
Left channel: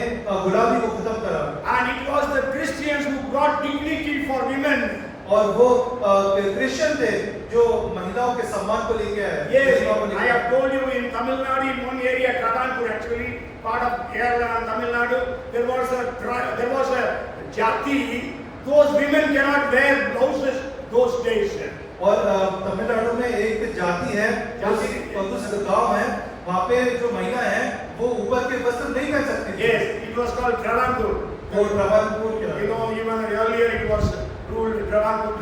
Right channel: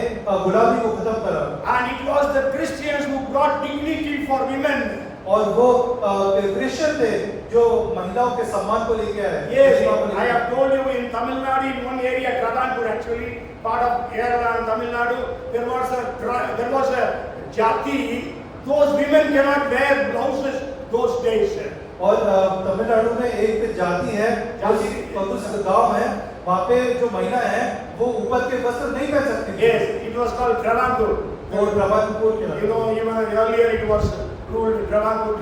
गुलामी को खत्म करा, And it was the Christians who brought dignity for women. और वो क्रिश्चियन थे जो महिलाओं के सम्मान को लेके आए। Yes, I have told you in Tamil Nadu, in one area, Travancore actually, part of Kerala and Tamil Nadu, there was a jati. Those women cannot wear blouses those days. और तमिलनाडु में एक जाति है, उस गांव है, वहाँ पे जो महिला है वो ऊपर के वस्त्र नहीं पहन सकती। Yes, it was called Travancore. वो ट्रावनकोर के You know, even earlier it was ruled Travancore.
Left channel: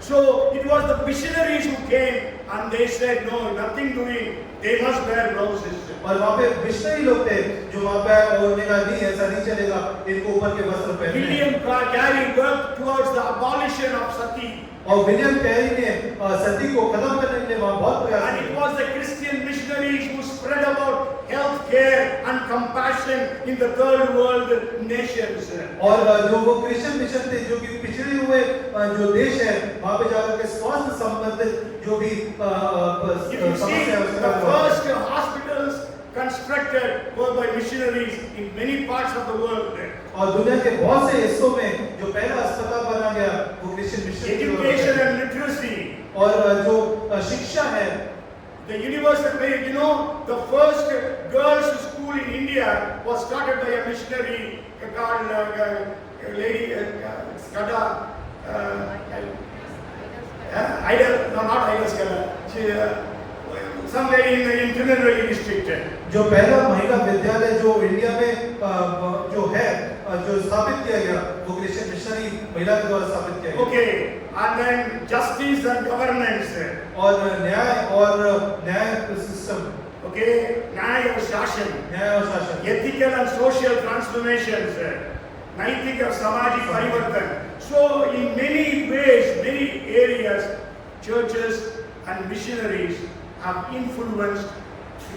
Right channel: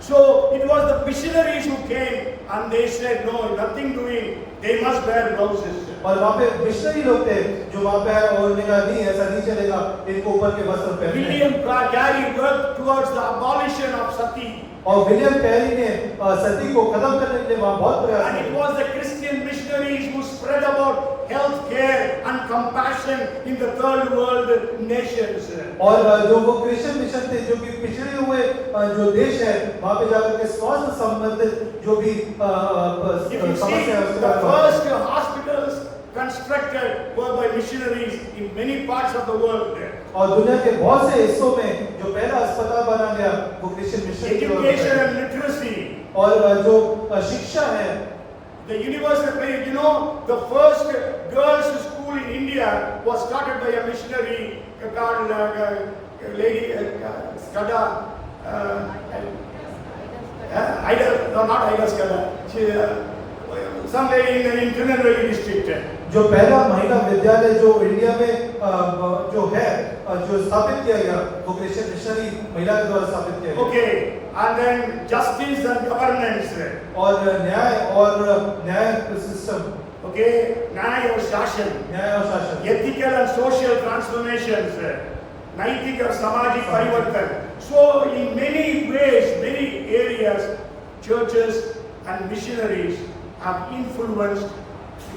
So it was the missionaries who came and they said, no, nothing doing. They must wear blouses. और वहाँ पे मिशनरी लोग थे जो वहाँ पे और उन्होंने कहा नहीं ऐसा नहीं चलेगा, इनको ऊपर के वस्त्र पहनने हैं। William Carey worked towards the abolition of sati. और विलियम कैरी ने सती को खत्म करने के लिए वहाँ बहुत प्रयास And it किया। was the Christian missionaries who spread about health care and compassion in the third world nations. और जो वो क्रिश्चियन मिशन थे जो कि पिछड़े हुए जो देश है वहाँ पे जाकर के स्वास्थ्य संबंधित जो भी If you see, समस्या है the उसका first hospitals constructed were by missionaries in many parts of the world. और दुनिया के बहुत से हिस्सों में जो पहला अस्पताल बना गया वो क्रिश्चियन मिशन की वजह से Education है। and literacy. और जो शिक्षा है, The universal, you know, the first girls' school in India was started by a missionary called Lady Skada. Not Ida Skada. Some lady in Tirunelveli district. जो पहला महिला विद्यालय जो इंडिया में जो है जो स्थापित किया गया वो क्रिश्चियन मिशनरी महिला के द्वारा स्थापित किया गया। Okay, and then justice and governance. और न्याय सिस्टम, Okay, न्याय और शासन. न्याय और शासन, Ethical and social transformations. नैतिक और सामाजिक परिवर्तन. So in many ways, many areas, churches and missionaries have influenced,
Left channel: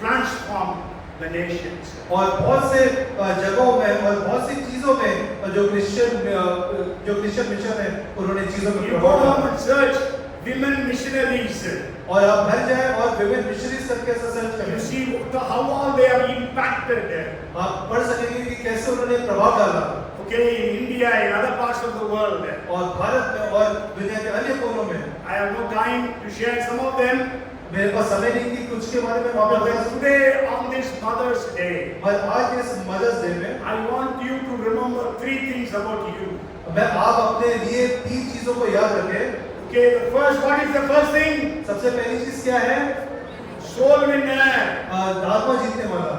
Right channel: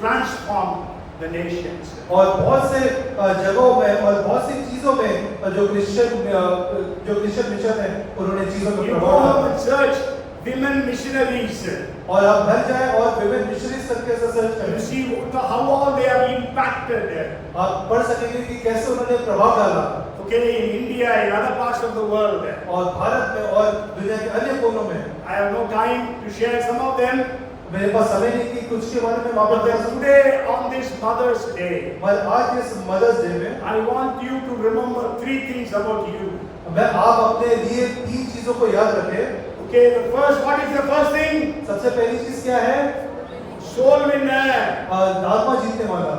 transformed the nations. और बहुत से जगहों में और बहुत सी चीजों में जो क्रिश्चियन मिशन है उन्होंने चीजों में You go प्रभाव home डाला। and search women missionaries. और आप घर जाए और विभिन्न मिशनरीज करके ऐसा सर्च You करें, see how all they have impacted. आप पढ़ सकेंगे कि कैसे उन्होंने प्रभाव डाला। Okay, in India, in other parts of the world. और भारत में और दुनिया के अन्य कोनों में I have no time to share some of them. मेरे पास समय नहीं कि कुछ के बारे में वहाँ But पर then today on this Mother's Day, मैं आज इस मदर्स डे में I want you to remember three things about you. मैं आप अपने लिए 3 चीजों को याद रखें। Okay, the first, what is the first thing? सबसे पहली चीज क्या है? Soul winner. आत्मा जीतने वाला।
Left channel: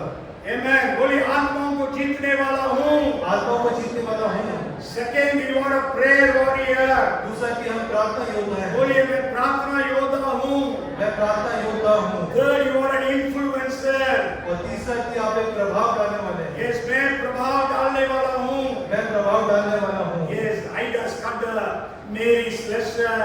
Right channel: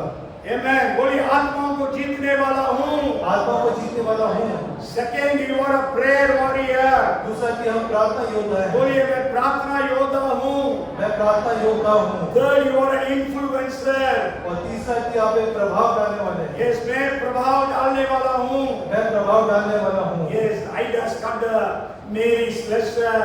Amen. बोलिए आत्माओं को जीतने वाला हूँ। आत्मा को जीतने वाला हूँ। Second, you are a prayer warrior. दूसरा कि हम प्रार्थना योद्धा हैं। बोलिए मैं प्रार्थना योद्धा हूँ। मैं प्रार्थना योद्धा हूँ। Third, you are an influencer. और तीसरा कि आप एक प्रभाव डालने वाले हैं। Yes, मैं प्रभाव डालने वाला हूँ। मैं प्रभाव डालने वाला हूँ। Yes, Ida Scudder, Mary Slessor,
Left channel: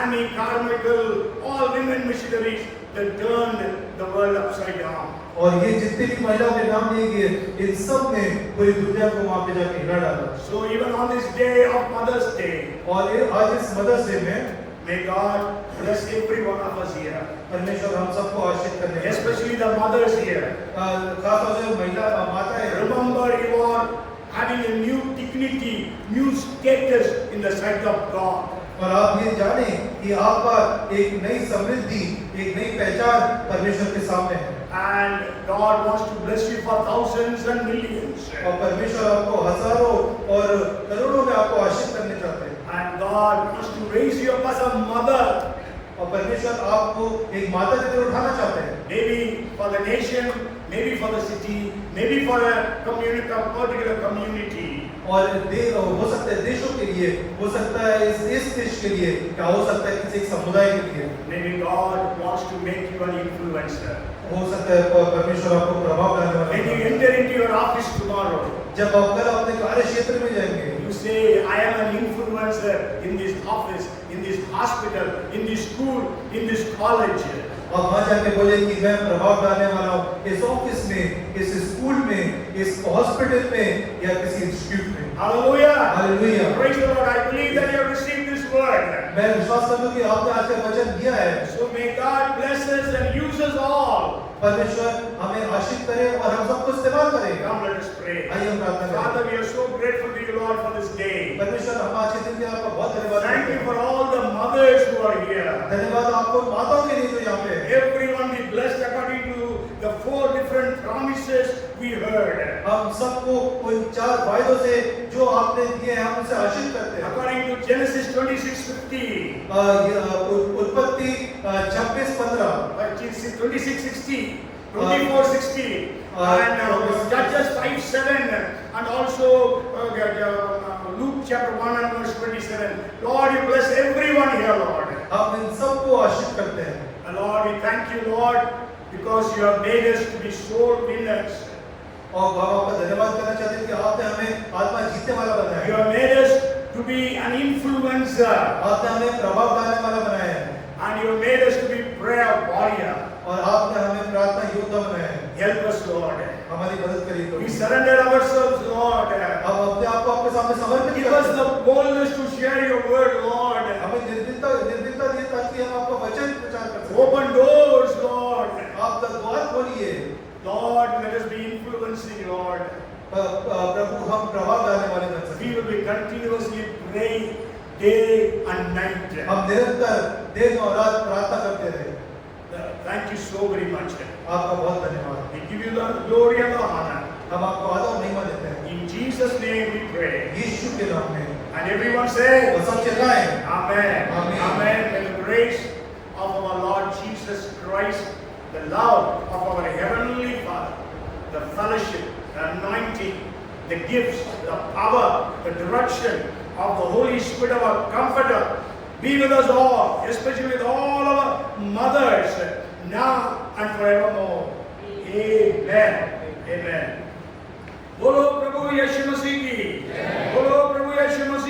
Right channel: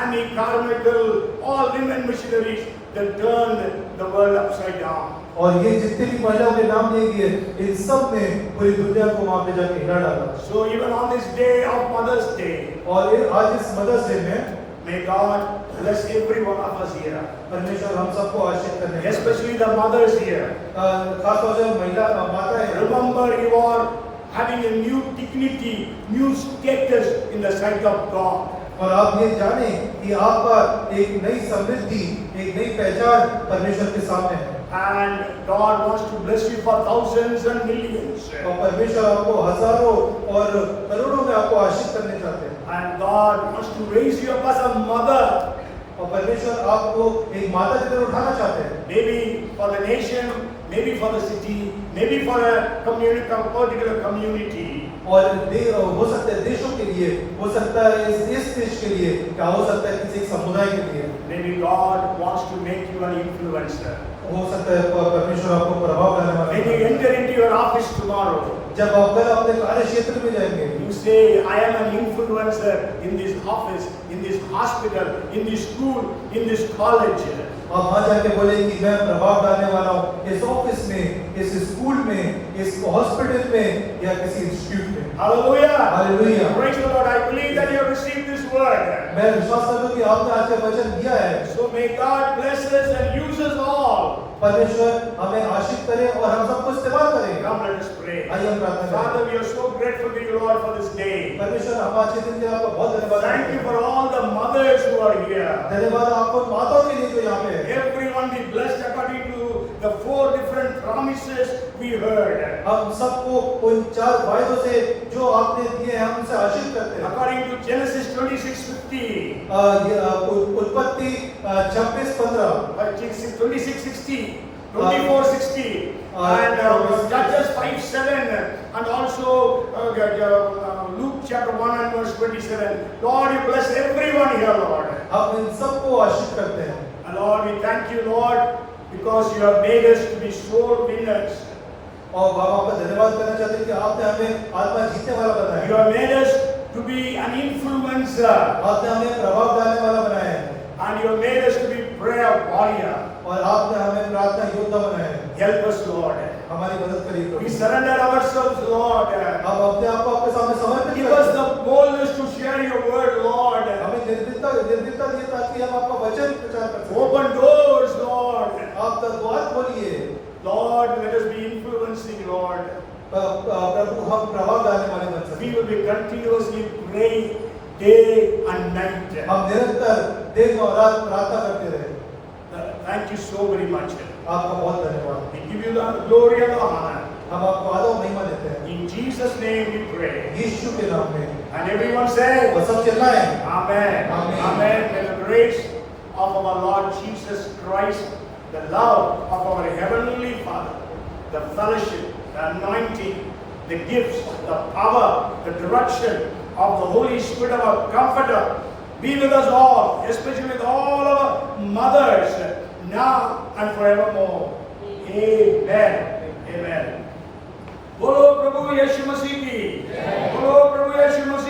Annie Carmichael, all women missionaries that turned the world upside down. और ये जितने भी महिलाओं के नाम लिए गए इन सब ने पूरी दुनिया को वहाँ पे जाके हिला डाला। So even on this day of Mother's Day, और आज इस मदर्स डे में may God bless every one of us here, परमेश्वर हम सबको आशीष करने, especially the mothers here. खासतौर से महिला माताएं हैं। Remember, you are having a new dignity, new status in the sight of God. और आप ये जाने कि आपका एक नई समृद्धि, एक नई पहचान परमेश्वर के सामने है। And God wants to bless you for thousands and millions. और परमेश्वर आपको हजारों और करोड़ों में आपको आशीष करने चाहते हैं। And God wants to raise you up as a mother. और परमेश्वर आपको एक माता की तरह उठाना चाहते हैं। Maybe for the nation, maybe for the city, maybe for a community, a particular community. और हो सकता है देशों के लिए, हो सकता है इस देश के लिए, क्या हो सकता है किसी एक समुदाय के लिए। Maybe God wants to make you an influencer. हो सकता है परमेश्वर आपको प्रभाव डालने वाला When you है। enter into your office tomorrow, जब आप कल अपने कार्य क्षेत्र में जाएंगे, you say, I am an influencer in this office, in this hospital, in this school, in this college. आप वहाँ जाके बोले कि मैं प्रभाव डालने वाला हूँ इस ऑफिस में, इस स्कूल में, इस हॉस्पिटल में या किसी इंस्टीट्यूट में। Hallelujah. Hallelujah. Praise the Lord. I believe that you have received this word. मैं विश्वास करता हूँ कि आपने आज का वचन दिया है। So may God bless us and use us all. परमेश्वर हमें आशीष करे और हम सबको इस्तेमाल करें। Come, let us pray. आइए हम प्रार्थना करें। Father, we are so grateful to you, Lord, for this day. परमेश्वर हम आज के दिन के लिए आपका बहुत धन्यवाद। Thank you for all the mothers who are here. धन्यवाद आपको माताओं के लिए जो यहाँ पे है। Everyone be blessed according to the 4 different promises we heard. हम सबको उन 4 वायदों से जो आपने दिए हैं हम उनसे आशीष करते हैं। According to Genesis 26:50, उत्पत्ति 26:15, 26:60, 24:60, and Judges 5:7, and also Luke chapter 1 and verse 27. Lord, you bless everyone here, Lord. हम इन सबको आशीष करते हैं। And Lord, we thank you, Lord, because you have made us to be soul winners. और बाबा आपका धन्यवाद करना चाहते हैं कि आपने हमें आत्मा जीतने वाला बनाया You है। have made us to be an influencer, आपने हमें प्रभाव डालने वाला बनाया है and you have made us to be prayer warrior. और आपने हमें प्रार्थना योद्धा बनाया है। Help us, Lord. हमारी मदद करिए तो। We surrender ourselves, Lord. अब अपने आप को आपके सामने समर्पित Give करते us हैं। the boldness to share your word, Lord. हमें निर्भीकता दिए ताकि हम आपका वचन प्रचार कर सकें। Open doors, Lord. आप द्वार खोलिए। Lord, let us be influencing, Lord. प्रभु हम प्रभाव डालने वाले बन सकें। We will be continuously praying day and night. हम निरंतर दिन और रात प्रार्थना करते रहे। Thank you so very much. आपका बहुत धन्यवाद। We give you the glory and the honor. हम आपको आदर और महिमा देते हैं। In Jesus' name we pray. यीशु के नाम में। And everyone say, और सब चिल्लाएं। Amen. Amen. Amen. May the grace of our Lord Jesus Christ, the love of our Heavenly Father, the fellowship, the anointing, the gifts, the power, the direction of the Holy Spirit, our Comforter, be with us all, especially with all our mothers, now and forevermore. Amen. Amen. बोलो प्रभु यीशु मसीह की। बोलो प्रभु यीशु मसीह